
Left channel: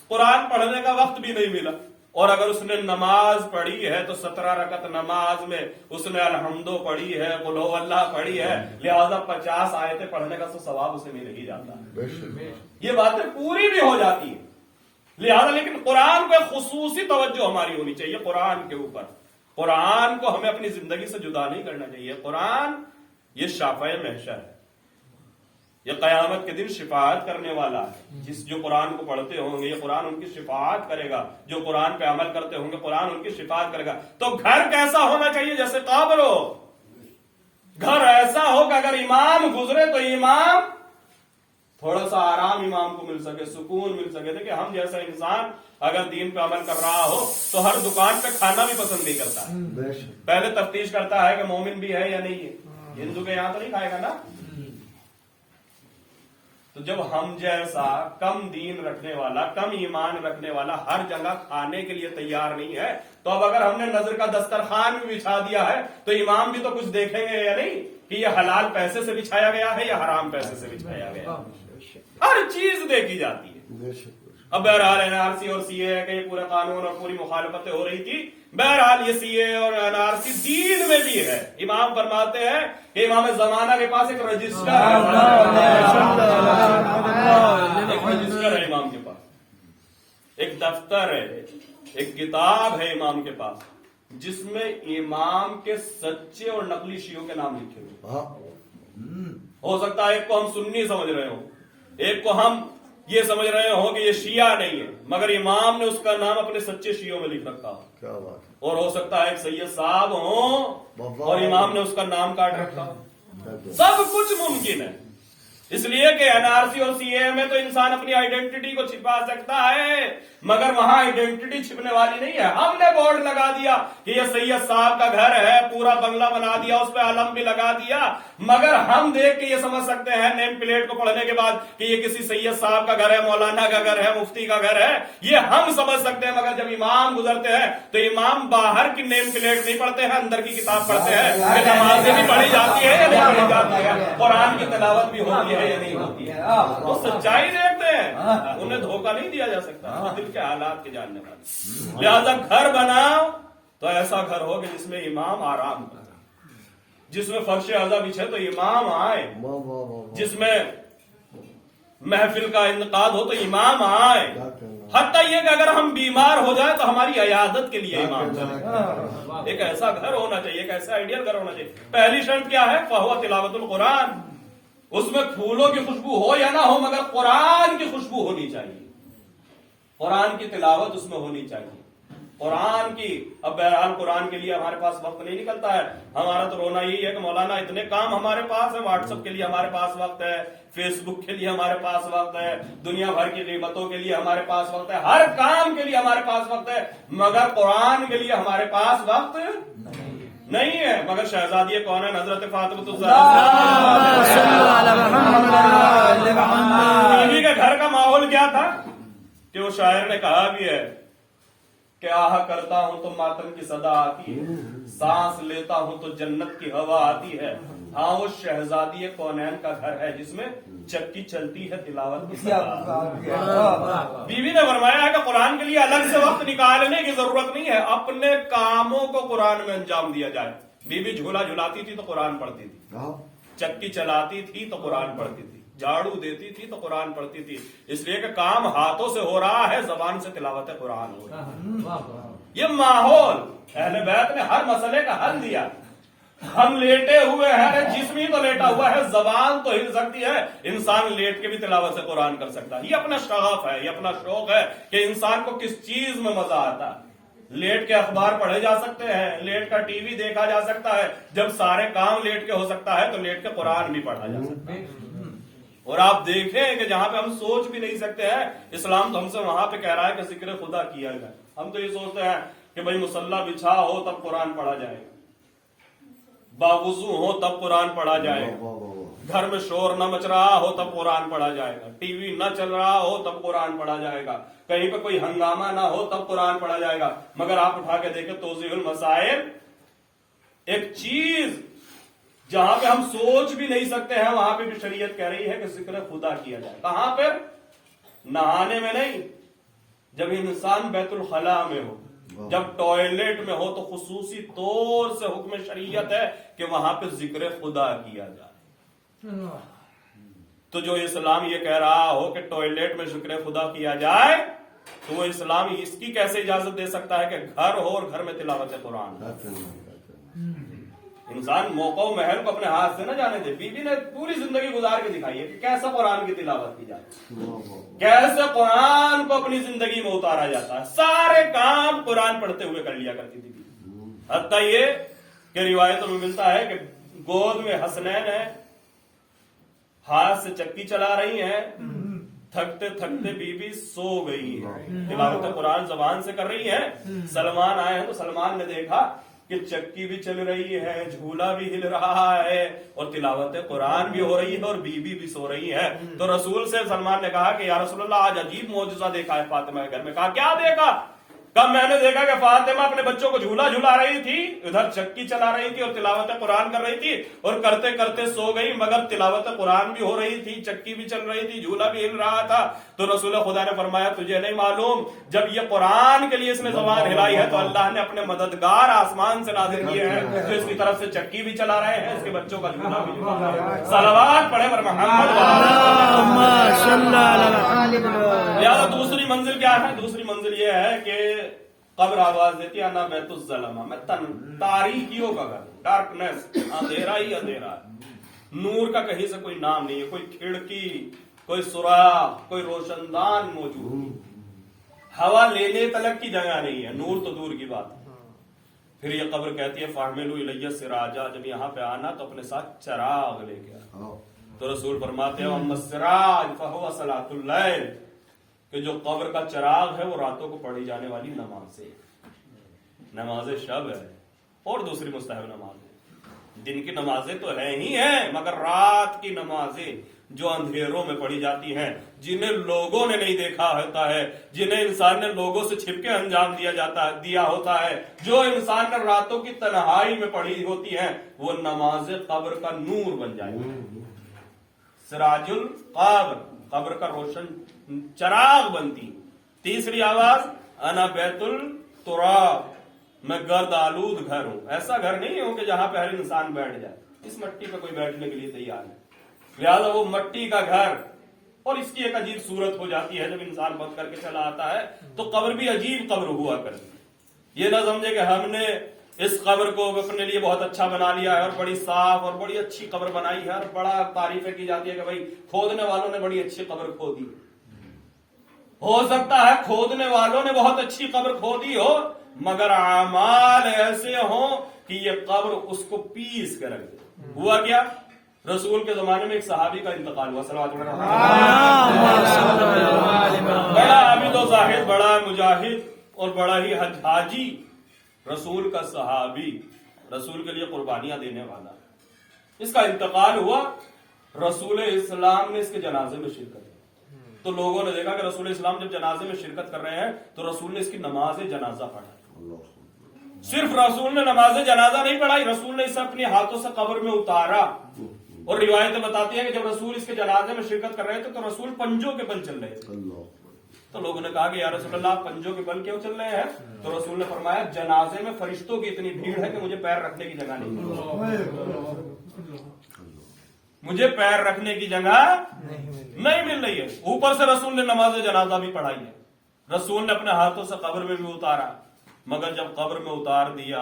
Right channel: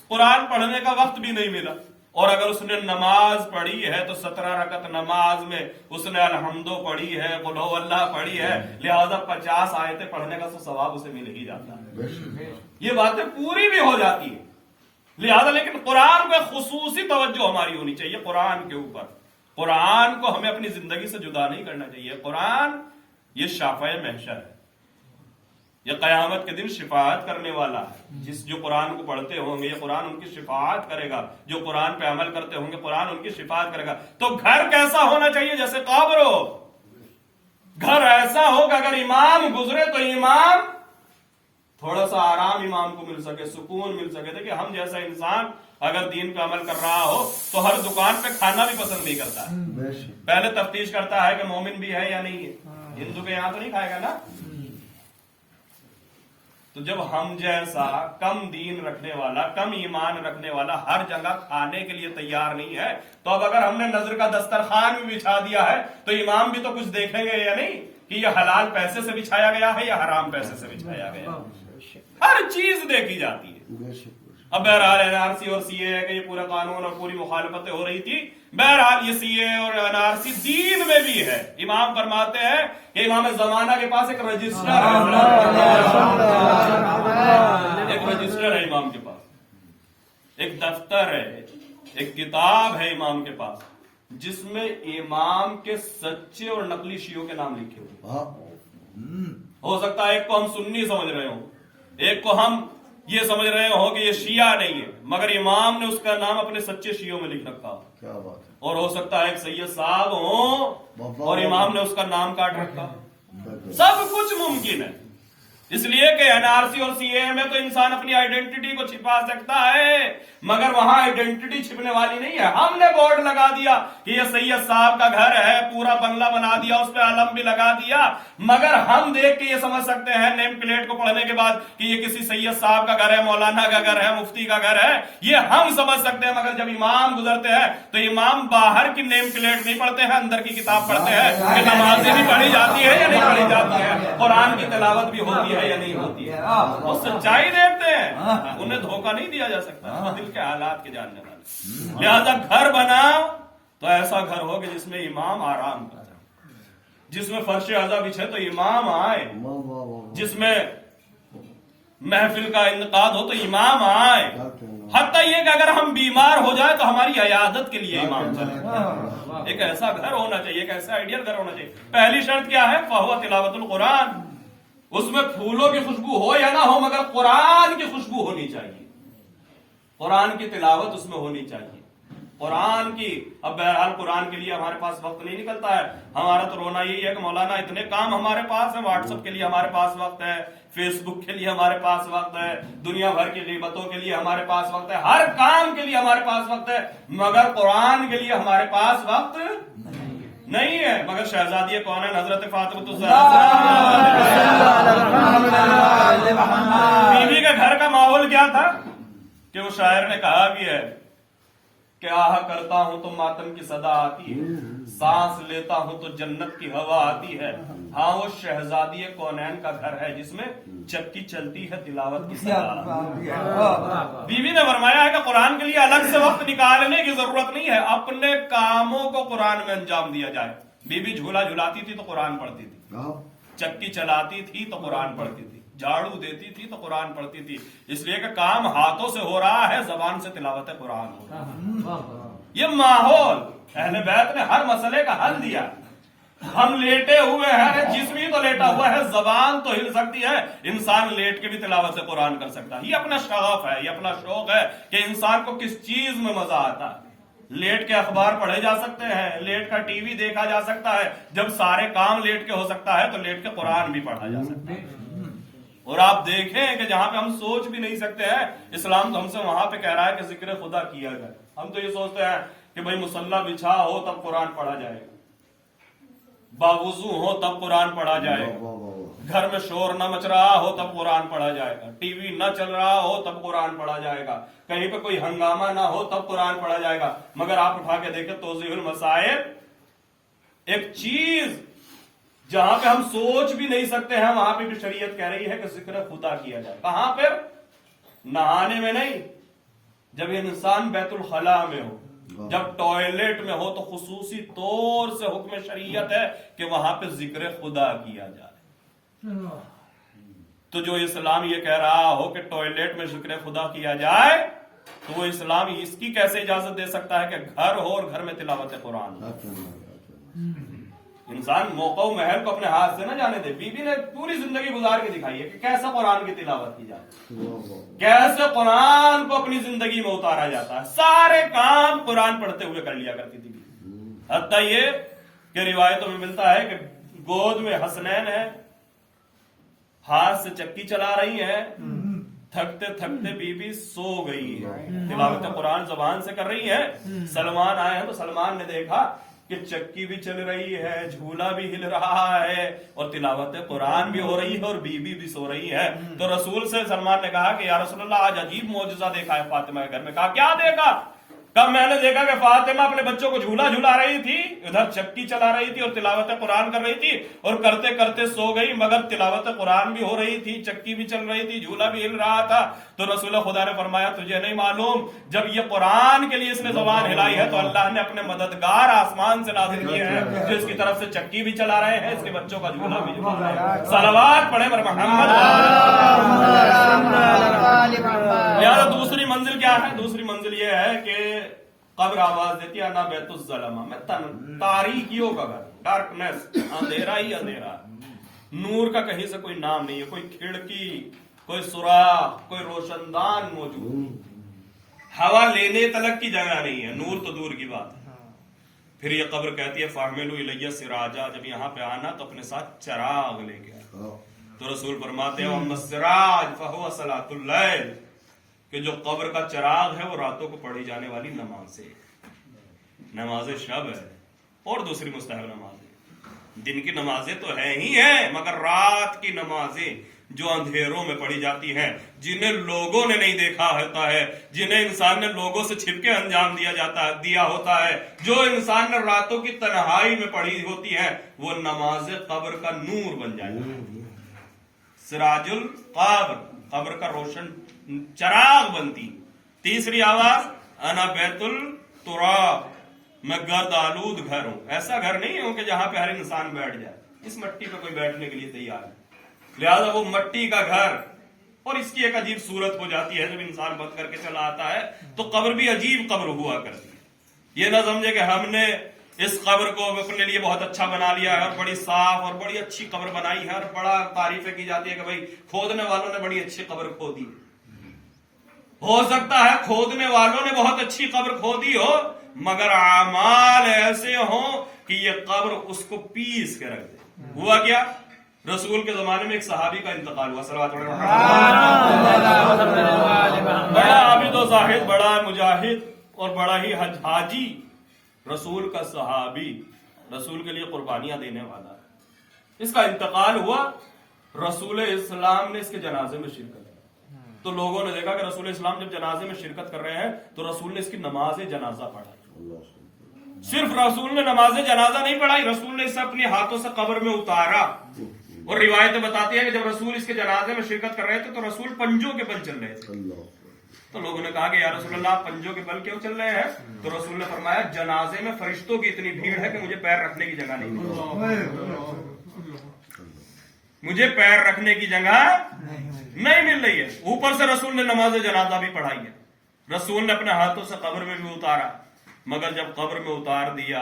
قرآن پڑھنے کا وقت بھی نہیں ملا اور اگر اس نے نماز پڑھی ہے تو 17 رکعت نماز میں اس نے الحمدو پڑھی ہے, قل ہو اللہ پڑھی ہے, لہذا 50 آیتیں پڑھنے کا ثواب اسے مل ہی جاتا ہے. یہ باتیں پوری بھی ہو جاتی ہیں. لہذا لیکن قرآن پہ خصوصی توجہ ہماری ہونی چاہیے. قرآن کے اوپر, قرآن کو ہمیں اپنی زندگی سے جدا نہیں کرنا چاہیے. قرآن یہ شافع محشر ہے, یہ قیامت کے دن شفاعت کرنے والا ہے. جو قرآن کو پڑھتے ہوں گے یہ قرآن ان کی شفاعت کرے گا, جو قرآن پہ عمل کرتے ہوں گے قرآن ان کی شفاعت کرے گا. تو گھر کیسا ہونا چاہیے؟ جیسے قبر ہو. گھر ایسا ہو کہ اگر امام گزرے تو امام تھوڑا سا آرام امام کو مل سکے, سکون مل سکے. دیکھیں ہم جیسا انسان اگر دین پہ عمل کر رہا ہو تو ہر دکان پہ کھانا بھی پسند نہیں کرتا ہے, پہلے تفتیش کرتا ہے کہ مومن بھی ہے یا نہیں ہے. ہندو کے یہاں تو نہیں کھائے گا نا. تو جب ہم جیسا کم دین رکھنے والا, کم ایمان رکھنے والا ہر جگہ کھانے کے لیے تیار نہیں ہے, تو اب اگر ہم نے نظر کا دسترخوان بھی بچھا دیا ہے تو امام بھی تو کچھ دیکھیں گے یا نہیں کہ یہ حلال پیسے سے بچھایا گیا ہے یا حرام پیسے سے بچھایا گیا. ہر چیز دیکھی جاتی ہے. اب بہرحال NRC اور CA کا یہ پورا قانون اور پوری مخالفتیں ہو رہی تھی. بہرحال یہ CA اور NRC دین میں بھی ہے. امام فرماتے ہیں کہ امام زمانہ کے پاس ایک رجسٹر ہے امام کے پاس, ایک دفتر ہے, ایک کتاب ہے امام کے پاس جس میں امام کے سچے اور نقلی شیعوں کے نام لکھے ہوئے. ہو سکتا ہے ایک کو ہم سنی سمجھ رہے ہوں, ایک کو ہم یہ سمجھ رہے ہوں کہ یہ شیعہ نہیں ہے, مگر امام نے اس کا نام اپنے سچے شیعوں میں لکھ رکھا ہو. اور ہو سکتا ہے ایک سید صاحب ہوں اور امام نے اس کا نام کاٹ رکھا. سب کچھ ممکن ہے. اس لیے کہ NRC اور CAA میں تو انسان اپنی آئیڈینٹی کو چھپا سکتا ہے مگر وہاں آئیڈینٹی چھپنے والی نہیں ہے. ہم نے بورڈ لگا دیا کہ یہ سید صاحب کا گھر ہے, پورا بنگلہ بنا دیا, اس پہ علم بھی لگا دیا, مگر ہم دیکھ کے یہ سمجھ سکتے ہیں نیم پلیٹ کو پڑھنے کے بعد کہ یہ کسی سید صاحب کا گھر ہے, مولانا کا گھر ہے, مفتی کا گھر ہے, یہ ہم سمجھ سکتے ہیں. مگر جب امام گزرتے ہیں تو امام باہر کی نیم پلیٹ نہیں پڑھتے ہیں, اندر کی کتاب پڑھتے ہیں کہ نمازیں بھی پڑھی جاتی ہے یا نہیں پڑھی جاتی ہے, قرآن کی تلاوت بھی ہوتی ہے یا نہیں ہوتی ہے. وہ سچائی دیکھتے ہیں, انہیں دھوکہ نہیں دیا جا سکتا, دل کے حالات کے جاننے والے. لہذا گھر بناؤ تو ایسا گھر ہو کہ جس میں امام آرام کرے, جس میں فرش اعضا بچھے تو امام آئے, جس میں محفل کا انعقاد ہو تو امام آئے. حتیٰ یہ کہ اگر ہم بیمار ہو جائے تو ہماری عیادت کے لیے امام چلے. ایک ایسا گھر ہونا چاہیے, ایک ایسا آئیڈیل گھر ہونا چاہیے. پہلی شرط کیا ہے؟ فہو تلاوت القرآن. اس میں پھولوں کی خوشبو ہو یا نہ ہو مگر قرآن کی خوشبو ہونی چاہیے, قرآن کی تلاوت اس میں ہونی چاہیے, قرآن کی. اب بہرحال قرآن کے لیے ہمارے پاس وقت نہیں نکلتا ہے. ہمارا تو رونا یہی ہے کہ مولانا اتنے کام ہمارے پاس ہے, واٹس ایپ کے لیے ہمارے پاس وقت ہے, فیس بک کے لیے ہمارے پاس وقت ہے, دنیا بھر کی غیبتوں کے لیے ہمارے پاس وقت ہے, ہر کام کے لیے ہمارے پاس وقت ہے, مگر قرآن کے لیے ہمارے پاس وقت نہیں ہے. مگر شہزادی کون ہے؟ حضرت فاطمہ الزہرا. بیوی کے گھر کا ماحول کیا تھا کہ وہ شاعر نے کہا بھی ہے کہ آہ کرتا ہوں تو ماتم کی صدا آتی ہے, سانس لیتا ہوں تو جنت کی ہوا آتی ہے. ہاں وہ شہزادی کونین کا گھر ہے جس میں چکی چلتی ہے تلاوت کی صدا. بیوی نے فرمایا ہے کہ قرآن کے لیے الگ سے وقت نکالنے کی ضرورت نہیں ہے, اپنے کاموں کو قرآن میں انجام دیا جائے. بیوی جھولا جھلاتی تھی تو قرآن پڑھتی تھی, چکی چلاتی تھی تو قرآن پڑھتی تھی, جھاڑو دیتی تھی تو قرآن پڑھتی تھی. اس لیے کہ کام ہاتھوں سے ہو رہا ہے, زبان سے تلاوت قرآن ہو رہا ہے. یہ ماحول اہل بیت نے ہر مسئلے کا حل دیا. ہم لیٹے ہوئے ہیں, جسم ہی تو لیٹا ہوا ہے, زبان تو ہل سکتی ہے, انسان لیٹ کے بھی تلاوت سے قرآن کر سکتا ہے. یہ اپنا شغف ہے, یہ اپنا شوق ہے کہ انسان کو کس چیز میں مزہ آتا ہے. لیٹ کے اخبار پڑھے جا سکتے ہیں, لیٹ کا ٹی وی دیکھا جا سکتا ہے. جب سارے کام لیٹ کے ہو سکتا ہے تو لیٹ کے قرآن بھی پڑھا جا سکتا ہے. اور آپ دیکھیں کہ جہاں پہ ہم سوچ بھی نہیں سکتے ہیں, اسلام تو ہم سے وہاں پہ کہہ رہا ہے کہ ذکر خدا کیا جائے. ہم تو یہ سوچتے ہیں کہ بھائی مصلی بچھا ہو تب قرآن پڑھا جائے گا, باوضو ہو تب قرآن پڑھا جائے گا, گھر میں شور نہ مچ رہا ہو تب قرآن پڑھا جائے گا, ٹی وی نہ چل رہا ہو تب قرآن پڑھا جائے گا, کہیں پہ کوئی ہنگامہ نہ ہو تب قرآن پڑھا جائے گا. مگر آپ اٹھا کے دیکھیں توضیح المسائل, ایک چیز جہاں پہ ہم سوچ بھی نہیں سکتے ہیں وہاں پہ بھی شریعت کہہ رہی ہے کہ ذکر خدا کیا جائے. کہاں پہ؟ نہانے میں نہیں, جب انسان بیت الخلاء میں ہو, جب ٹوائلٹ میں ہو تو خصوصی طور سے حکم شریعت ہے کہ وہاں پہ ذکر خدا کیا جائے. تو جو اسلام یہ کہہ رہا ہو کہ ٹوائلٹ میں ذکر خدا کیا جائے تو وہ اسلام اس کی کیسے اجازت دے سکتا ہے کہ گھر ہو اور گھر میں تلاوت قرآن ہو؟ انسان موقع و محل کو اپنے ہاتھ سے نہ جانے دے. بیوی نے پوری زندگی گزار کے دکھائی ہے کہ کیسا قرآن کی تلاوت کی جاتی, کیسے قرآن کو اپنی زندگی میں اتارا جاتا ہے. سارے کام قرآن پڑھتے ہوئے کر لیا کرتی تھی. حتیٰ یہ کہ روایتوں میں ملتا ہے کہ گود میں حسنین ہے, ہاتھ سے چکی چلا رہی ہیں, تھکتے تھکتے بیوی سو گئی ہے, تلاوت قرآن زبان سے کر رہی ہے. سلمان آئے ہیں تو سلمان نے دیکھا کہ چکی بھی چل رہی ہے, جھولا بھی ہل رہا ہے اور تلاوت قرآن بھی ہو رہی ہے اور بیوی بھی سو رہی ہے. تو رسول سے سلمان نے کہا کہ یا رسول اللہ آج عجیب معجزہ دیکھا ہے فاطمہ کے گھر میں. کہا کیا دیکھا؟ کب میں نے دیکھا کہ فاطمہ اپنے بچوں کو جھولا جھلا رہی تھی, ادھر چکی چلا رہی تھی اور تلاوت قرآن کر رہی تھی, اور کرتے کرتے سو گئی. مگر تلاوت قرآن بھی ہو رہی تھی, چکی بھی چل رہی تھی, جھولا بھی ہل رہا تھا. تو رسول خدا نے فرمایا تجھے نہیں معلوم جب یہ قرآن کے لیے اس نے زبان ہلائی ہے تو اللہ نے اپنے مددگار آسمان سے نازل کیے ہیں جو اس کی طرف سے چکی بھی چلا رہے ہیں, اس کے بچوں کا جھولا بھی جھلا رہے ہیں. صلوات پڑھے پر محمد. یار دوسری منزل کیا ہے؟ دوسری منزل یہ ہے کہ قبر آواز دیتی ہے انا بیت الظلمہ, میں تاریکیوں کا گھر, ڈارکنیس, اندھیرا ہی اندھیرا, نور کا کہیں سے کوئی نام نہیں ہے, کوئی کھڑکی, کوئی سوراخ, کوئی روشن دان موجود, ہوا لینے تلک کی جگہ نہیں ہے, نور تو دور کی بات ہے. پھر یہ قبر کہتی ہے فاحملوا الیہ سراجا, جب یہاں پہ آنا تو اپنے ساتھ چراغ لے کے آنا. تو رسول فرماتے ہیں اما السراج فہو صلاۃ اللیل، کہ جو قبر کا چراغ ہے وہ راتوں کو پڑھی جانے والی نماز ہے، نماز شب ہے اور دوسری مستحب نماز ہے۔ دن کی نمازیں تو ہے ہی ہیں، مگر رات کی نمازیں جو اندھیروں میں پڑھی جاتی ہیں، جنہیں لوگوں نے نہیں دیکھا ہوتا ہے، جنہیں انسان نے لوگوں سے چھپ کے انجام دیا ہوتا ہے، جو انسان نے راتوں کی تنہائی میں پڑھی ہوتی ہیں، وہ نماز قبر کا نور بن جائے گا۔ سراج القبر، قبر کا روشن چراغ بنتی۔ تیسری آواز انا بیت التراب، میں گرد آلود گھر ہوں۔ ایسا گھر نہیں ہوں کہ جہاں پہ ہر انسان بیٹھ جائے، اس مٹی پہ کوئی بیٹھنے کے لیے تیار ہے، لہذا وہ مٹی کا گھر۔ اور اس کی ایک عجیب صورت ہو جاتی ہے، جب انسان بت کر کے چلا آتا ہے تو قبر بھی عجیب قبر ہوا کرتی ہے۔ یہ نہ سمجھے کہ ہم نے اس قبر کو اپنے لیے بہت اچھا بنا لیا ہے اور بڑی صاف اور بڑی اچھی قبر بنائی ہے اور بڑا تعریفیں کی جاتی ہے کہ بھائی کھودنے والوں نے بڑی اچھی قبر کھودی۔ ہو سکتا ہے کھودنے والوں نے بہت اچھی قبر کھودی ہو، مگر اعمال ایسے ہوں کہ یہ قبر اس کو پیس کے رکھ دے۔ ہوا کیا؟ رسول کے زمانے میں ایک صحابی کا انتقال ہوا، صلوات اللہ علیہ، بڑا عابد و زاہد، بڑا مجاہد اور بڑا ہی حاجی، رسول کا صحابی، رسول کے لیے قربانیاں دینے والا۔ اس کا انتقال ہوا، رسول اسلام نے اس کے جنازے میں شرکت کی تو لوگوں نے دیکھا کہ رسول اسلام جب جنازے میں شرکت کر رہے ہیں تو رسول نے اس کی نماز جنازہ پڑھا۔ صرف رسول نے نماز جنازہ نہیں پڑھائی، رسول نے اسے اپنے ہاتھوں سے قبر میں اتارا۔ اور روایتیں بتاتی ہیں کہ جب رسول اس کے جنازے میں شرکت کر رہے تھے تو رسول پنجوں کے بل چل رہے تھے۔ تو لوگوں نے کہا کہ یا رسول اللہ پنجوں کے بل کیوں چل رہے ہیں؟ تو رسول نے فرمایا جنازے میں فرشتوں کی اتنی بھیڑ ہے کہ مجھے پیر رکھنے کی جگہ نہیں، مجھے پیر رکھنے کی جگہ نہیں مل رہی ہے۔ اوپر سے رسول نے نماز جنازہ بھی پڑھائی ہے، رسول نے اپنے ہاتھوں سے قبر میں بھی اتارا، مگر جب قبر میں اتار دیا،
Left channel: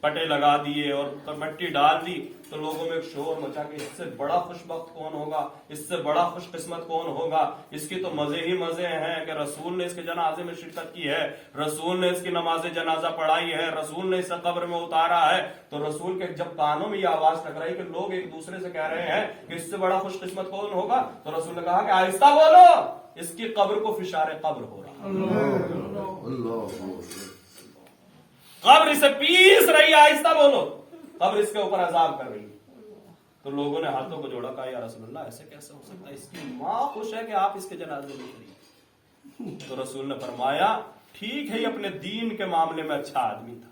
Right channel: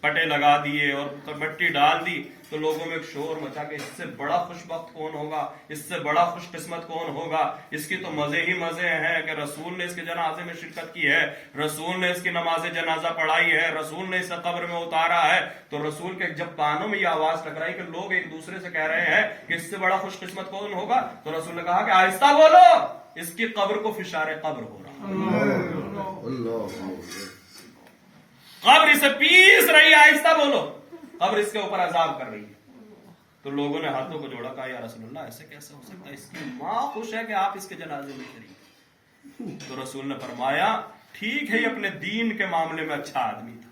پٹے لگا دیے اور مٹی ڈال دی تو لوگوں میں ایک شور مچا کہ اس سے بڑا خوش بخت کون ہوگا، اس سے بڑا خوش قسمت کون ہوگا، اس کی تو مزے ہی مزے ہیں کہ رسول نے اس کے جنازے میں شرکت کی ہے، رسول نے اس کی نماز جنازہ پڑھائی ہے، رسول نے اسے قبر میں اتارا ہے۔ تو رسول کے جب کانوں میں یہ آواز لگ رہی کہ لوگ ایک دوسرے سے کہہ رہے ہیں کہ اس سے بڑا خوش قسمت کون ہوگا، تو رسول نے کہا کہ آہستہ بولو، اس کی قبر کو فشار قبر ہو رہا، قبر اسے پیس رہی ہے، آہستہ بولو، قبر اس کے اوپر عذاب کر رہی ہے۔ تو لوگوں نے ہاتھوں کو جوڑا، کہا یا رسول اللہ ایسے کیسے ہو سکتا ہے، اس کی ماں خوش ہے کہ آپ اس کے جنازے میں شریک۔ تو رسول نے فرمایا ٹھیک ہے، یہ اپنے دین کے معاملے میں اچھا آدمی تھا،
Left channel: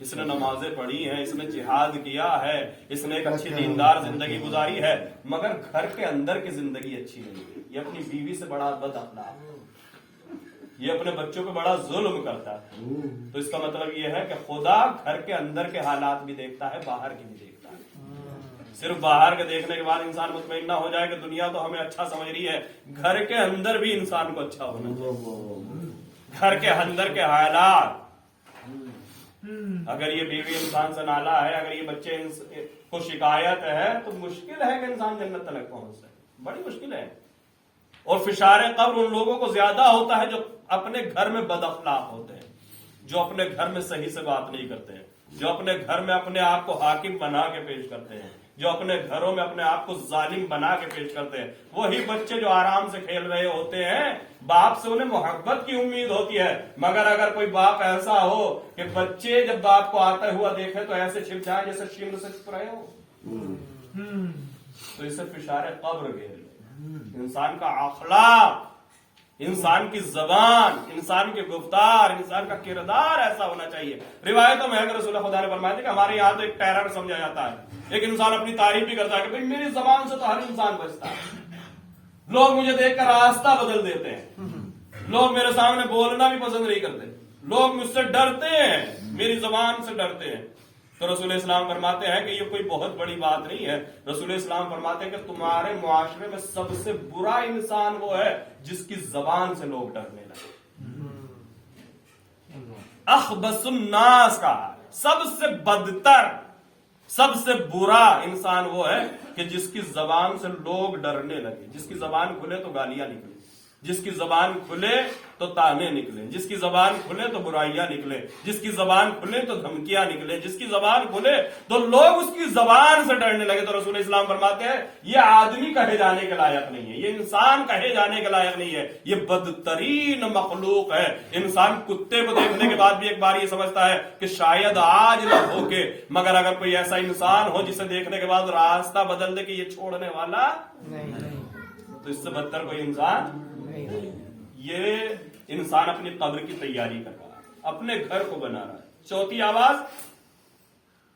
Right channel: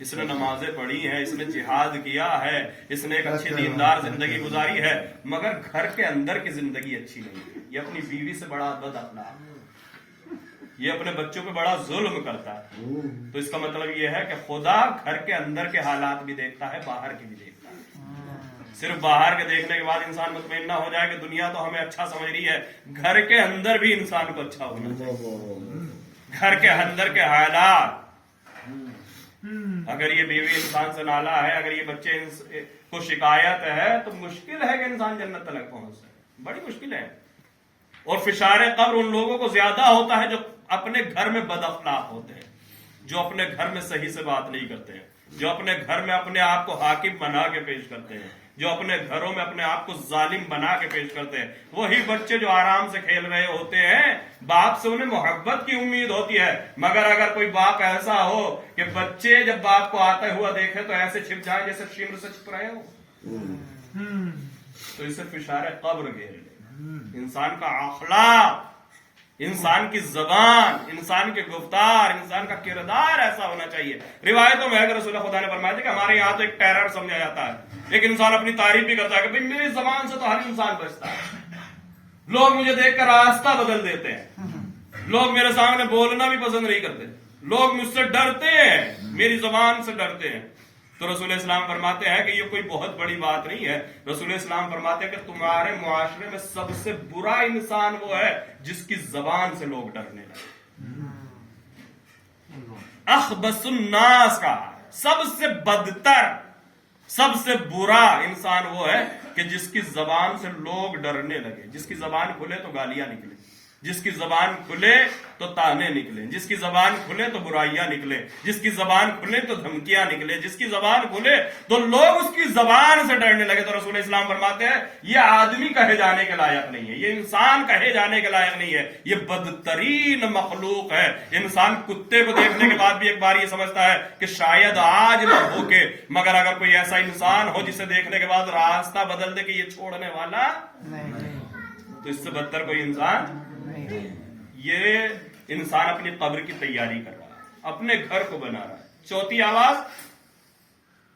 اس نے نمازیں پڑھی ہیں، اس نے جہاد کیا ہے، اس نے ایک اچھی دیندار زندگی گزاری ہے، مگر گھر کے اندر کی زندگی اچھی نہیں ہے، یہ اپنی بیوی سے بڑا بد اخلاق، یہ اپنے بچوں پہ بڑا ظلم کرتا ہے۔ تو اس کا مطلب یہ ہے کہ خدا گھر کے اندر کے حالات بھی دیکھتا ہے، باہر کی بھی دیکھتا ہے۔ صرف باہر کے دیکھنے کے بعد انسان مطمئن نہ ہو جائے کہ دنیا تو ہمیں اچھا سمجھ رہی ہے، گھر کے اندر بھی انسان کو اچھا ہونا چاہیے، گھر کے اندر کے حالات۔ اگر یہ بیوی انسان سے نالا ہے، اگر یہ بچے کو شکایت ہے تو مشکل ہے کہ انسان جنت تک پہنچ سکے، بڑی مشکل ہے۔ اور فشار قبر ان لوگوں کو زیادہ ہوتا ہے جو اپنے گھر میں بد اخلاق ہوتے ہیں، جو اپنے گھر میں صحیح سے بات نہیں کرتے ہیں، جو اپنے گھر میں اپنے آپ کو حاکم بنا کے پیش کرتے ہیں، جو اپنے گھروں میں اپنے آپ کو ظالم بنا کے پیش کرتے ہیں۔ وہی بچے جو آرام سے کھیل رہے ہوتے ہیں، باپ سے انہیں محبت کی امید ہوتی ہے، مگر اگر کوئی باپ ایسا ہو کہ بچے جب باپ کو آتا ہوا دیکھے تو ایسے چھپ جائیں جیسے شمر سے چھپ رہے ہو، تو اسے فشار قبر گھیرے۔ انسان کا اخلاق، انسان کی زبان، انسان کے گفتار، انسان کا کردار ایسا ہونا چاہیے۔ روایتوں میں ہے کہ رسول خدا نے فرمایا تھا کہ ہمارے یہاں تو ایک ٹیرر سمجھا جاتا ہے، ایک انسان اپنی تعریف بھی کرتا ہے کہ بھئی میری زبان سے تو ہر انسان بچتا ہے، لوگ مجھے دیکھ کر راستہ بدل دیتے ہیں، لوگ میرے سامنے بولنا بھی پسند نہیں کرتے، لوگ مجھ سے ڈرتے ہیں، میری زبان سے ڈرتے ہیں۔ تو رسول اسلام فرماتے ہیں کہ یہ کوئی بہت بڑی بات نہیں ہے۔ رسول اسلام فرماتے ہیں کہ تمہارے معاشرے میں سب سے برا انسان وہ ہے جس کی زبان سے لوگ ڈرنے لگے۔ اخبث الناس کا سب سے بدتر، سب سے برا انسان وہ ہے کہ جس کی زبان سے لوگ ڈرنے لگے، جس کی زبان کھلے تو گالیاں نکلے، جس کی زبان کھلے تو تانے نکلے، جس کی زبان کھلے تو برائیاں نکلے، جس کی زبان کھلے تو دھمکیاں نکلے، جس کی زبان کھلے تو لوگ اس کی زبان سے ڈرنے لگے۔ تو رسول اسلام فرماتے ہیں یہ آدمی کہے جانے کے لائق نہیں ہے، یہ انسان کہے جانے کے لائق نہیں ہے، یہ بدترین مخلوق ہے۔ انسان کتے کو دیکھنے کے بعد بھی ایک بار یہ سمجھتا ہے کہ شاید آج نہ بھوکے، مگر اگر کوئی ایسا انسان ہو جسے دیکھنے کے بعد راستہ بدل دے کہ یہ چھوڑنے والا تو اس سے بدتر کوئی انسان۔ یہ انسان اپنی قبر کی تیاری کر رہا ہے، اپنے گھر کو بنا رہا ہے۔ چوتھی آواز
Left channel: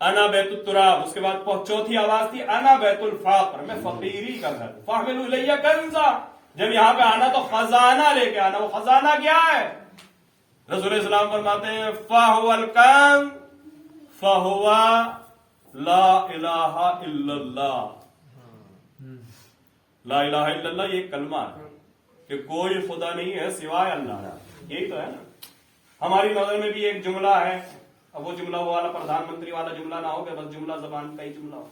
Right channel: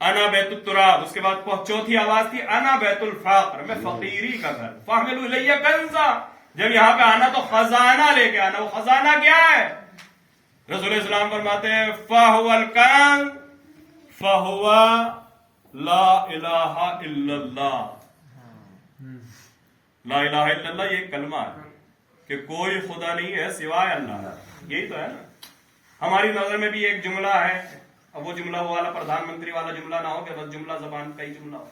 انا بیت التراب، اس کے بعد چوتھی آواز تھی انا بیت الفقر، میں فقیری کا گھر۔ فاحملوا الیہ کنزا، جب یہاں پہ آنا تو خزانہ لے کے آنا۔ وہ خزانہ کیا ہے؟ رسول اسلام فرماتے ہیں فہو الکنز فہو لا الہ الا اللہ۔ لا الہ الا اللہ یہ ایک کلمہ ہے کہ کوئی خدا نہیں ہے سوائے اللہ، یہی تو ہے نا۔ ہماری نظر میں بھی ایک جملہ ہے، اب وہ جملہ وہ والا پردھان منتری والا جملہ نہ ہو کہ بس جملہ زبان کا ہی جملہ ہو۔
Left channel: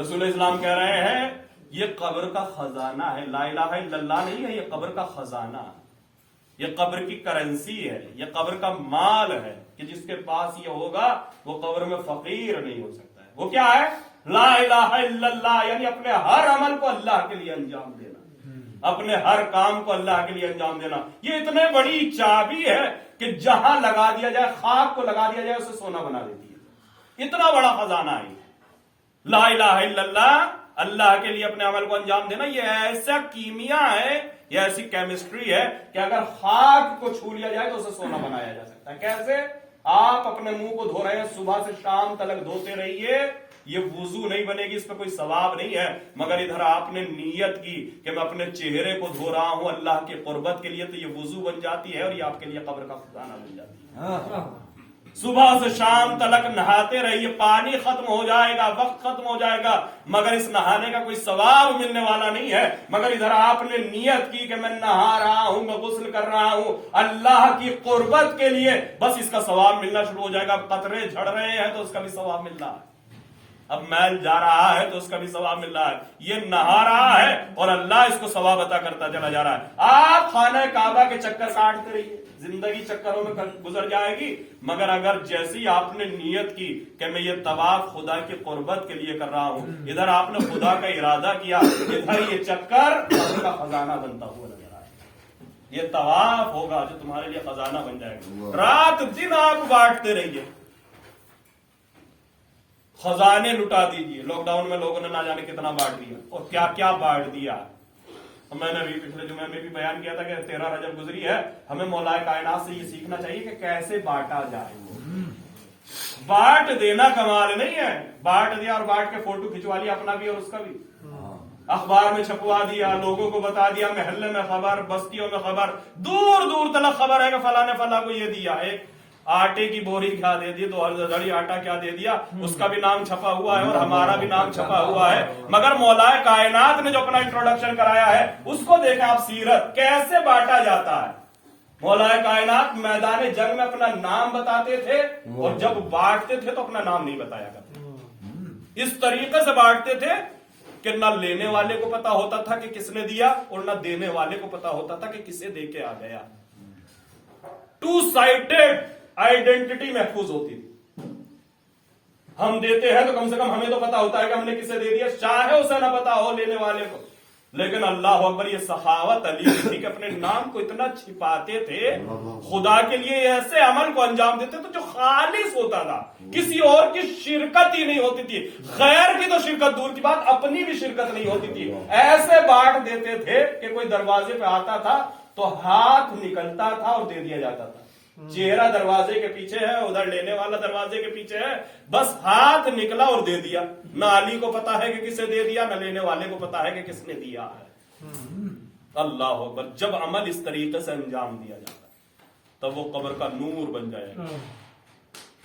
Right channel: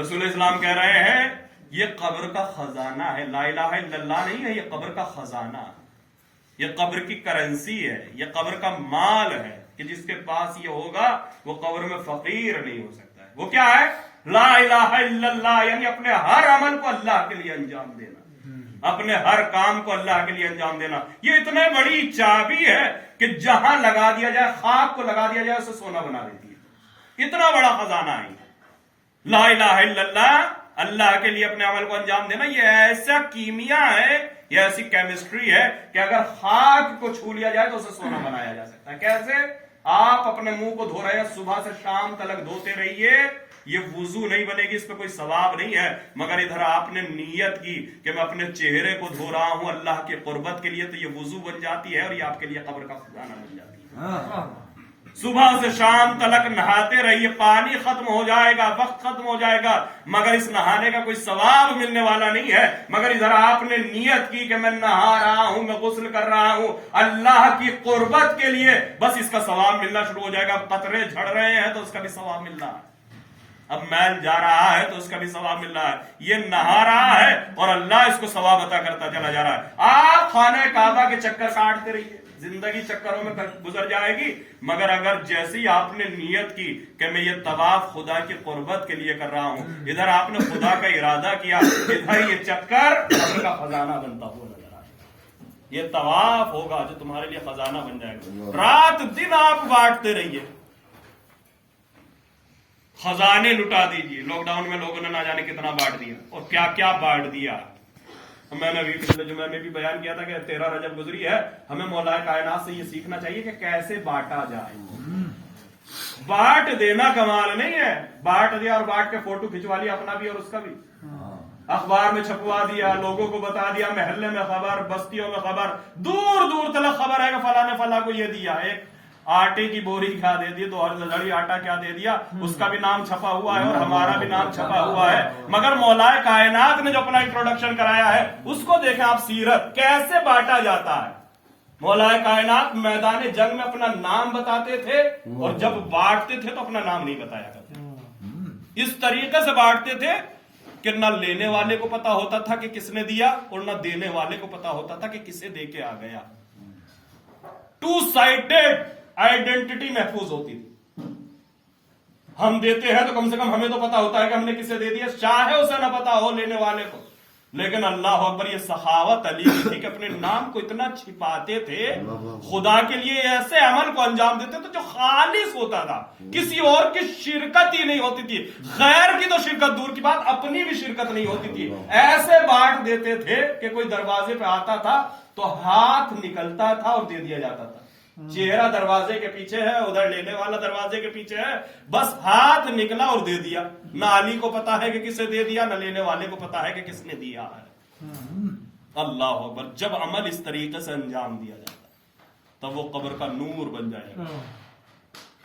رسول اسلام کہہ رہے ہیں یہ قبر کا خزانہ ہے، لا الہ الا اللہ نہیں ہے، یہ قبر کا خزانہ، یہ قبر کی کرنسی ہے، یہ قبر کا مال ہے کہ جس کے پاس یہ ہوگا وہ قبر میں فقیر نہیں ہو سکتا ہے۔ وہ کیا ہے؟ لا الہ الا اللہ، یعنی اپنے ہر عمل کو اللہ کے لیے انجام دینا، اپنے ہر کام کو اللہ کے لیے انجام دینا۔ یہ اتنے بڑی چابی ہے کہ جہاں لگا دیا جائے، خاک کو لگا دیا جائے اسے سونا بنا دیتی ہے۔ اتنا بڑا خزانہ ہے لا الہ الا اللہ، اللہ کے لیے اپنے عمل کو انجام دینا۔ یہ ایسا کیمیا ہے، یہ ایسی کیمسٹری ہے کہ اگر خاک کو چھو لیا جائے تو اسے سونا بنایا جا سکتا ہے۔ کیسے؟ آپ اپنے منہ کو دھو رہے ہیں، صبح سے شام تلک دھوتے رہیے، یہ وضو نہیں بنے گی، اس پہ کوئی ثواب نہیں ہے، مگر ادھر آپ نے نیت کی کہ میں اپنے چہرے کو دھو رہا ہوں اللہ کی قربت کے لیے، تو یہ وضو بن جاتی ہے اور یہ آپ کے لیے قبر کا خزانہ بن جاتی ہے۔ صبح سے شام تلک نہاتے رہیے، پانی ختم ہو جائے گا، وقت ختم ہو جائے گا، مگر اس نہانے کا کوئی ثواب ملنے والا نہیں ہے، مگر ادھر آپ نے نیت کی کہ میں نہا رہا ہوں، میں غسل کر رہا ہوں اللہ کی قربت کے لیے، بس اس کا ثواب ملنا شروع ہو جائے گا۔ قطرے جھڑ رہے ہیں تو اس کا بھی ثواب مل رہا ہے، اب میل جا رہا ہے تو اس کا بھی ثواب مل رہا ہے، یہ نہا رہا ہے اور اللہ اس کو ثواب عطا کرتا چلا جا رہا ہے۔ آپ خانہ کعبہ کے چکر کاٹتے رہیے، زندگی چکروں میں گزر جائے گی، مگر اگر جیسی آپ نے نیت کی کہ میں یہ طواف خدا کی قربت کے لیے کر رہا ہوں، ادھر آپ نے خدا کا ارادہ کیا، ادھر یہ چکر قبر کا خزانہ بنتا ہوا نظر آئے گا۔ یہ طواف ہوگا جو تمہارے لیے خزانہ بن جائے گا۔ رات دن آپ بانٹتے رہیے، خزانے لٹا دیجیے۔ لاک ڈاؤن میں لوگوں نے نہ جانے کتنا بانٹ دیا اور کیا کیا بانٹ دیا۔ میں نے بھی پچھلے جمعے میں بھی بیان کیا تھا کہ 13 رجب گزری ہے، ہمیں مولا کائنات سے یہ سیکھنا چاہیے کہ کیسے بانٹا جائے۔ بانٹ دینا کمال نہیں ہے، بانٹ دیا اور بانٹ کے فوٹو کھنچوا لیا اپنا بھی اور اس کا بھی، اخبار میں چھپوا دیا، لوگوں کو بتا دیا، محلے میں خبر، بستیوں میں خبر، دور دور تلک خبر ہے کہ فلاں نے فلاں کو یہ دیا، ایک آٹے کی بوری کیا دے دی، 2000 دھڑی آٹا کیا دے دیا، اس کا بھی نام چھپا ہوا ہے اور ہمارا بھی نام چھپا ہوا ہے، مگر مولا کائنات نے جو اپنا انٹروڈکشن کرایا ہے اس کو دیکھیں آپ، سیرت کیسے بانٹا جاتا ہے۔ مولا کائنات میدان جنگ میں اپنا نام بتاتے تھے اور جب بانٹتے تھے تو اپنا نام نہیں بتایا کرتے، اس طریقے سے بانٹتے تھے کہ نہ لینے والے کو پتا ہوتا تھا کہ کس نے دیا اور نہ دینے والے کو پتا ہوتا تھا کہ کسے دے کے آ گیا۔ ٹو سائڈڈ آئیڈینٹی محفوظ ہوتی تھی۔ ہم دیتے ہیں تو کم سے کم ہمیں تو پتا ہوتا ہے کہ ہم نے کسے دے دیا، چاہے اسے نہ پتا ہو لینے والے کو، لیکن اللہ اکبر یہ سخاوت علی کی تھی کہ اپنے نام کو اتنا چھپاتے تھے، خدا کے لیے ایسے عمل کو انجام دیتے تھے جو خالص ہوتا تھا، کسی اور کی شرکت ہی نہیں ہوتی تھی، غیر کی تو شرکت دور کی بات، اپنی بھی شرکت نہیں ہوتی تھی، ایسے بانٹ دیتے تھے کہ کوئی دروازے پہ آتا تھا تو ہاتھ نکلتا تھا اور دے دیا جاتا تھا، چہرہ دروازے کے پیچھے ہے، ادھر لینے والا دروازے کے پیچھے ہے، بس ہاتھ نکلا اور دے دیا، نہ علی کو پتا ہے کہ کسے دے دیا، نہ لینے والے کو پتا ہے کہ کس نے دیا ہے۔ اللہ اکبر، جب عمل اس طریقے سے انجام دیا جاتا تب وہ قبر کا نور بن جائے گا،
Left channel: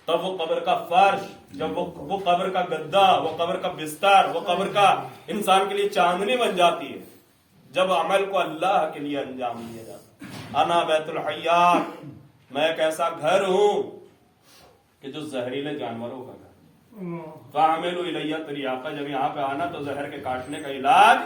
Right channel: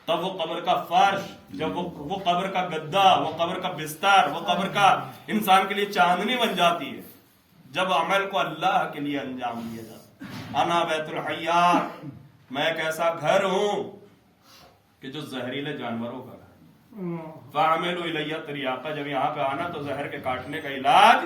تب وہ قبر کا فرش، جب وہ قبر کا گدا، وہ قبر کا بستر، وہ قبر کا انسان کے لیے چاندنی بن جاتی ہے، جب عمل کو اللہ کے لیے انجام دیا جاتا ہے۔ انا بیت الحیات، میں ایک ایسا گھر ہوں کہ جو زہریلے جانوروں کا گھر، فاعملوا الیہ تریاقہ، جب یہاں پہ آنا تو زہر کے کاٹنے کا علاج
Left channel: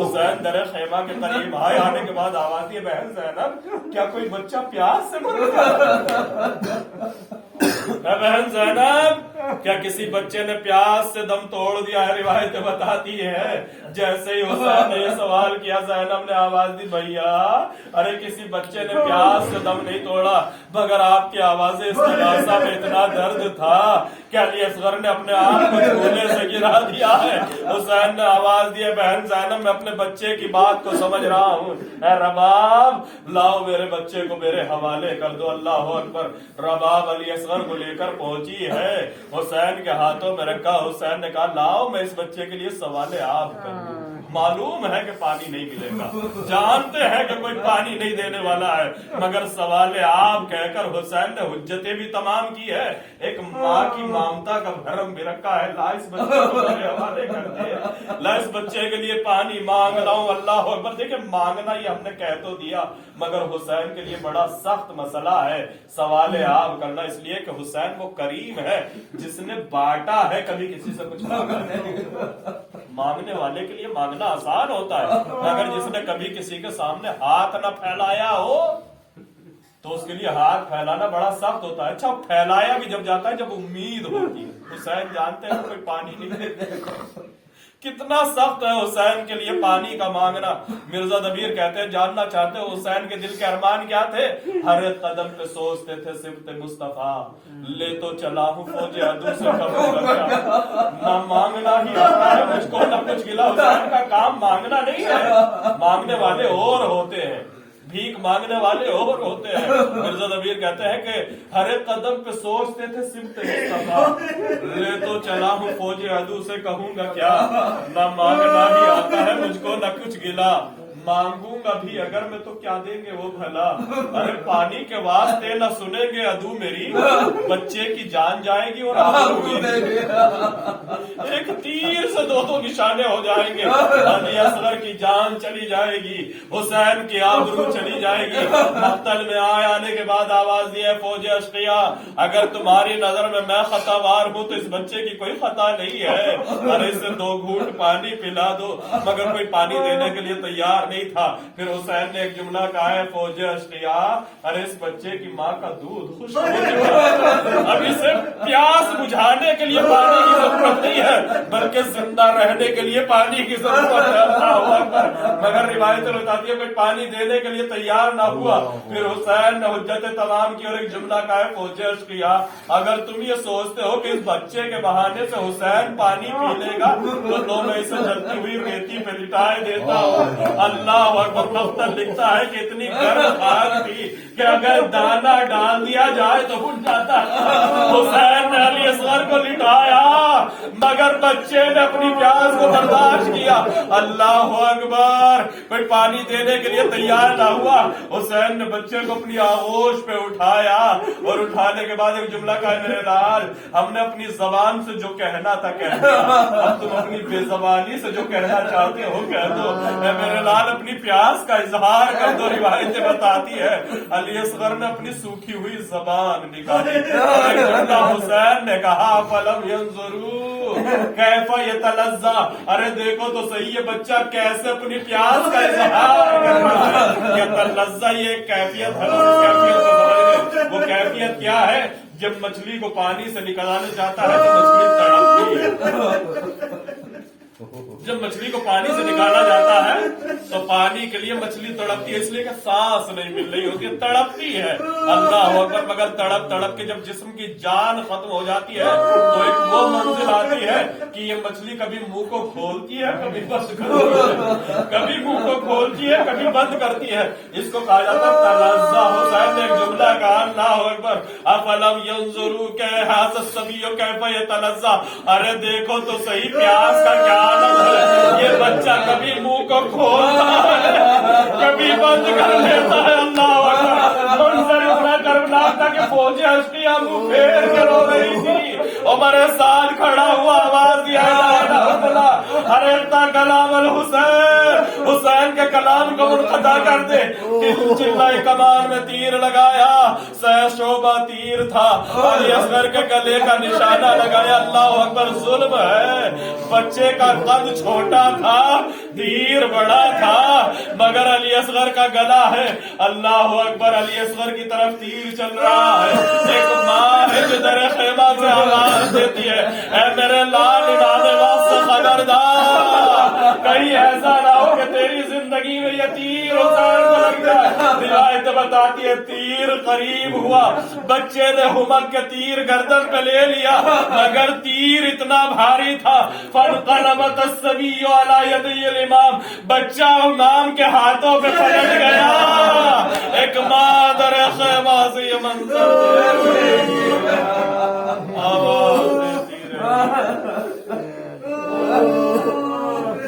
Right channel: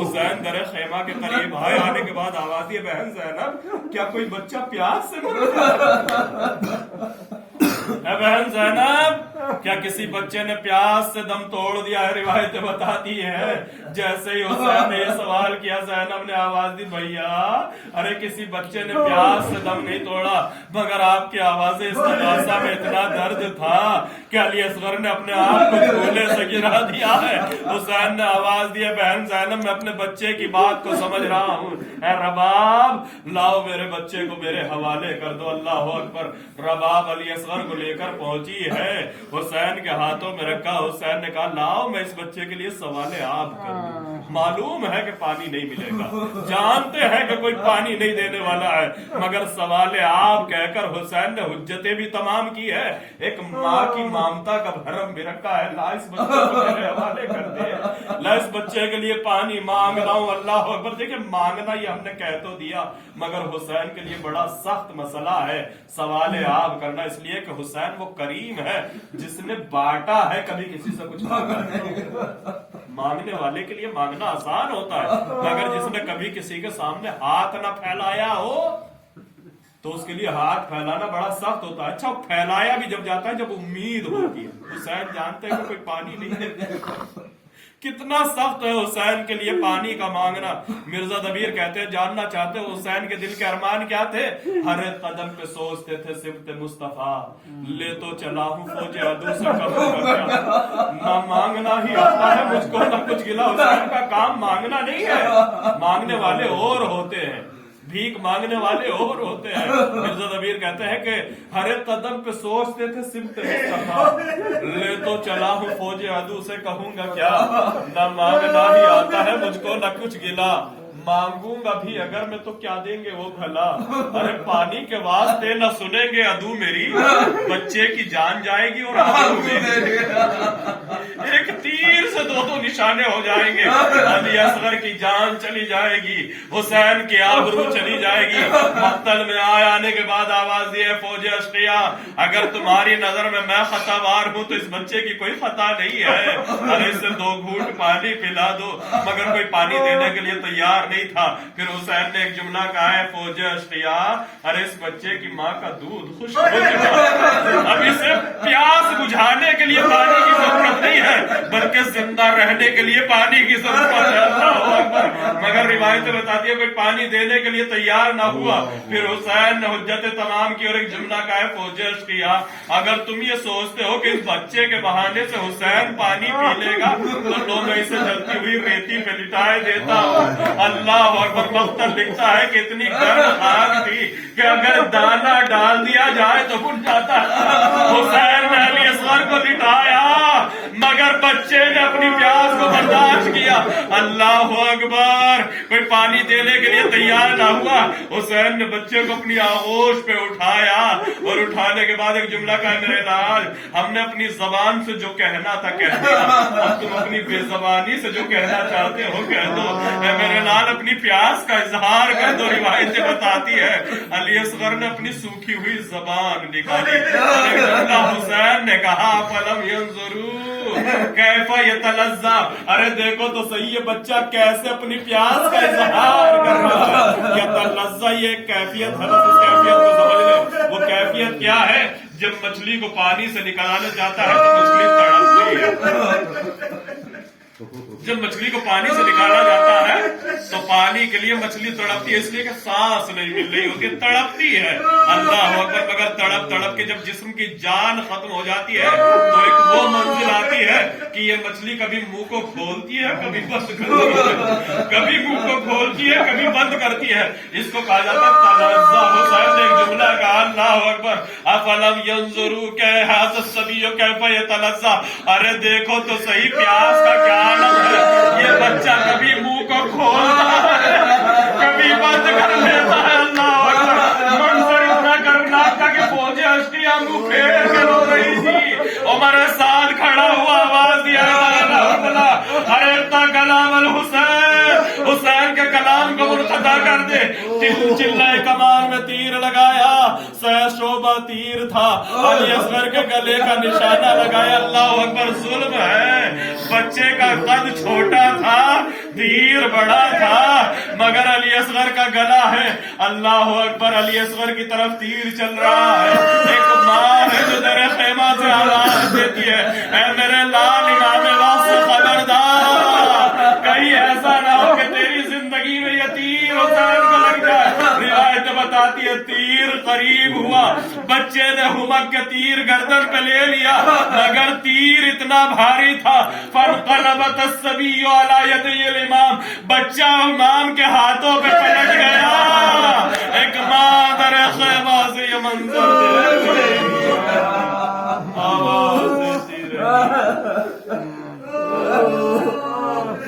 حسین در خیمہ کے قریب آئے. آنے کے بعد آواز دی بہن زینب کیا کوئی بچہ پیاس سے مر رہا؟ بہن زینب کیا کسی بچے نے پیاس سے دم توڑ دیا ہے؟ روایتیں بتاتی ہے جیسے ہی حسین نے یہ سوال کیا زینب نے آواز دی بھیا ارے کسی بچے نے پیاس سے دم نہیں توڑا مگر آپ کی آواز استغاثہ میں اتنا درد تھا کہ علی اصغر نے اپنے آپ کو جھولے سے گرا دیا ہے. حسین نے آواز دی بہن زینب میں اپنے بچے کی بات کو سمجھ رہا ہوں. اے رباب لاؤ میرے بچے کو میرے حوالے کر دو. اللہ اکبر. رباب علی اصغر کو لے کر پہنچی ہے, حسین کے ہاتھوں میں رکھا. حسین نے کہا لاؤ میں اس بچے کے لیے سوال آب کروں. معلوم ہے کہ پانی نہیں ملے گا, جانتے ہیں کہ کوئی پانی نہیں دینے والا ہے, مگر سوال آب کہہ کر حسین نے حجتیں بھی تمام کی ہے. ایک ماں کی مامتا کا بھرم بھی رکھا ہے. لا اس بچے کو میرے حوالے کر دے, لا اس بچے کے لیے پانی مانگ رہا ہوں. اللہ اکبر. دیکھیں مانگنا یہ ہم نے کہہ تو دیا مگر حسین کے لیے بڑا سخت مسئلہ ہے سوال آب کرنا, اس لیے کہ حسین وہ کریم ہے جس نے بانٹا ہے, کبھی کسی سے کچھ مانگا نہیں. مانگنے والے کے لیے مانگنا آسان ہوتا ہے مگر جس نے کبھی کسی کے سامنے ہاتھ نہ پھیلایا ہو تو اس کے لیے ہاتھ پھیلانا بڑا سخت ہوتا ہے. اچھا پھیلایا بھی جب جاتا ہے جب امید ہوتی ہے. حسین جانتے ہیں کہ کوئی پانی نہیں دیتے. کتنا سخت ہے حسین کے لیے پانی کا مانگنا. مرزا دبیر کہتے ہیں جاننا چاہتے ہو حسین کے دل کے ارمان کیا تھے؟ ہر ایک قدم پہ سوچتے تھے صفت مصطفیٰ لے تو چلا ہوں فوج عدو سے کروں گا کیا. نہ مانگنا ہی آتا ہے مجھ کو نہ کچھ گلا. حسین کا کام مانگنا نہیں ہے, مانگنے والے اور ہوتے ہیں, بھیک مانگنے والے اور ہوتے ہیں. مرزا دبیر کہتے ہیں کہ ہر ایک قدم پہ سوچتے تھے صفت مصطفیٰ لے تو چلا ہوں فوج عدو سے کہوں گا کیا. نہ مانگنا ہی آتا ہے مجھ کو نہ کچھ گلا, مانگوں گا بھی اگر میں تو کیا دیں گے وہ بھلا. ارے پانی کے واسطے نہ سنیں گے عدو میری, بچے کی جان جائے گی اور ایک تیر سے دو نشانے ہو جائیں گے. علی اصغر کی جان چلی جائے گی, حسین کی آبرو چلی جائے گی. مقتل میں آنے کے بعد آواز دی ہے فوج اشقیاء اگر تمہاری نظر میں خطا وار ہوں تو اس بچے کی کوئی خطا نہیں ہے. ارے اسے 2 گھونٹ پانی پلا دو, مگر کوئی پانی دینے کے لیے تیار نہیں تھا. پھر حسین نے ایک جملہ کہا ہے فوج اشقیاء ارے اس بچے کی ماں کا دودھ خشک ہو چکا ہے, اب اسے پیاس بجھانے کے لیے پانی کی ضرورت نہیں ہے بلکہ زندہ رہنے کے لیے پانی کی ضرورت ہے. اللہ اکبر. مگر روایتیں بتاتی ہے کوئی پانی دینے کے لیے تیار نہ ہوا. پھر حسین نے حجتیں تمام کی اور ایک جملہ کہا ہے فوج اشقیاء اگر تم یہ سوچتے ہو کہ اس بچے کے بہانے سے حسین پانی پی لے گا تو لو میں اسے جلتی ہوئی ریتی پہ لٹائے دیتا ہوں. اللہ اکبر. مختل لکھتا ہے کہ اتنی گرم آگ تھی کہ اگر دانا ڈال دیا جائے تو بن جاتا. حسین نے علی اصغر کو لٹایا مگر بچے نے اپنی پیاس کو برداشت کیا. اللہ اکبر. کوئی پانی دینے کے لیے تیار نہ ہوا. حسین نے بچے کو اپنی آغوش پہ اٹھایا اور اٹھانے کے بعد ایک جملہ کہا میرے لال ہم نے اپنی زبان سے جو کہنا تھا کہہ دیا, اب تم اپنی بے زبانی سے جو کہنا چاہتے ہو کہہ دو. اے میرے لال اپنی پیاس کا اظہار کر دو. روایتیں بتاتی ہے علی اصغر نے اپنی سوکھی ہوئی زبان نکالی. حسین نے کہا فلم ینظروا کیف یتلذا ارے دیکھو تو صحیح یہ بچہ کیسے اپنی پیاس کا اظہار کر رہا ہے. یتلذا یہ کیفیت ہے, کیفیت کو سمجھ لو. وہ کیفیت کیا ہے؟ جب مچھلی کو پانی سے نکالنا چاہتا ہے تو مچھلی تڑپتی ہے. جب مچھلی کو پانی سے نکالا جاتا ہے تو پانی کے لیے مچھلی تڑپتی ہے, اس لیے کہ سانس نہیں مل رہی ہوتی ہے, تڑپتی ہے. اللہ اکبر. مگر تڑپ تڑپ کے جب جسم کی جان ختم ہو جاتی ہے تو ایک وہ منزل آتی ہے کہ یہ مچھلی کبھی منہ کو کھولتی ہے کبھی بند کرتی ہے, کبھی منہ کو کھولتی ہے کبھی بند کرتی ہے. اس کو کہا جاتا ہے تلذا. حسین نے ایک جملہ کہا اللہ اکبر افلم ینظروا کیف الصبی کیف یتلذا ارے دیکھو تو صحیح پیاس کا کیا عالم ہے. یہ بچہ کبھی منہ کو کھولتا ہے کبھی بند کر لیتا ہے. اللہ اکبر. منظر اتنا کربناک تھا کہ فوج اشقیاء منہ پھیر کر رو رہی تھی. عمر سعد کھڑا ہوا آواز دیا ارے کلام الحسین. حسین کے کلام کو منقطع کر دے. چلہ کمان میں تیر لگایا، سہ شعبہ تیر تھا، علی اصغر کے گلے کا نشانہ لگایا. اللہ اکبر. ظلم ہے، بچے کا قد چھوٹا تھا، تیر بڑا تھا، مگر علی اصغر کا گلا ہے. اللہ اکبر. علی اصغر کی طرف تیر چل رہا ہے. ایک ماں ہے جو در خیمہ سے آواز دیتی ہے، اے میرے لال امام واسطے خبردار، کہیں ایسا نہ ہو کہ تیری زندگی میں یہ تیر حسین کو لگ جائے. روایت بتاتی ہے تیر قریب ہوا، بچے نے ہمک کے تیر گردن پہ لے لیا، مگر تیر اتنا بھاری تھا. فانقلبت الصبی علی یدی الامام، بچہ امام کے ہاتھوں پہ پلٹ گیا.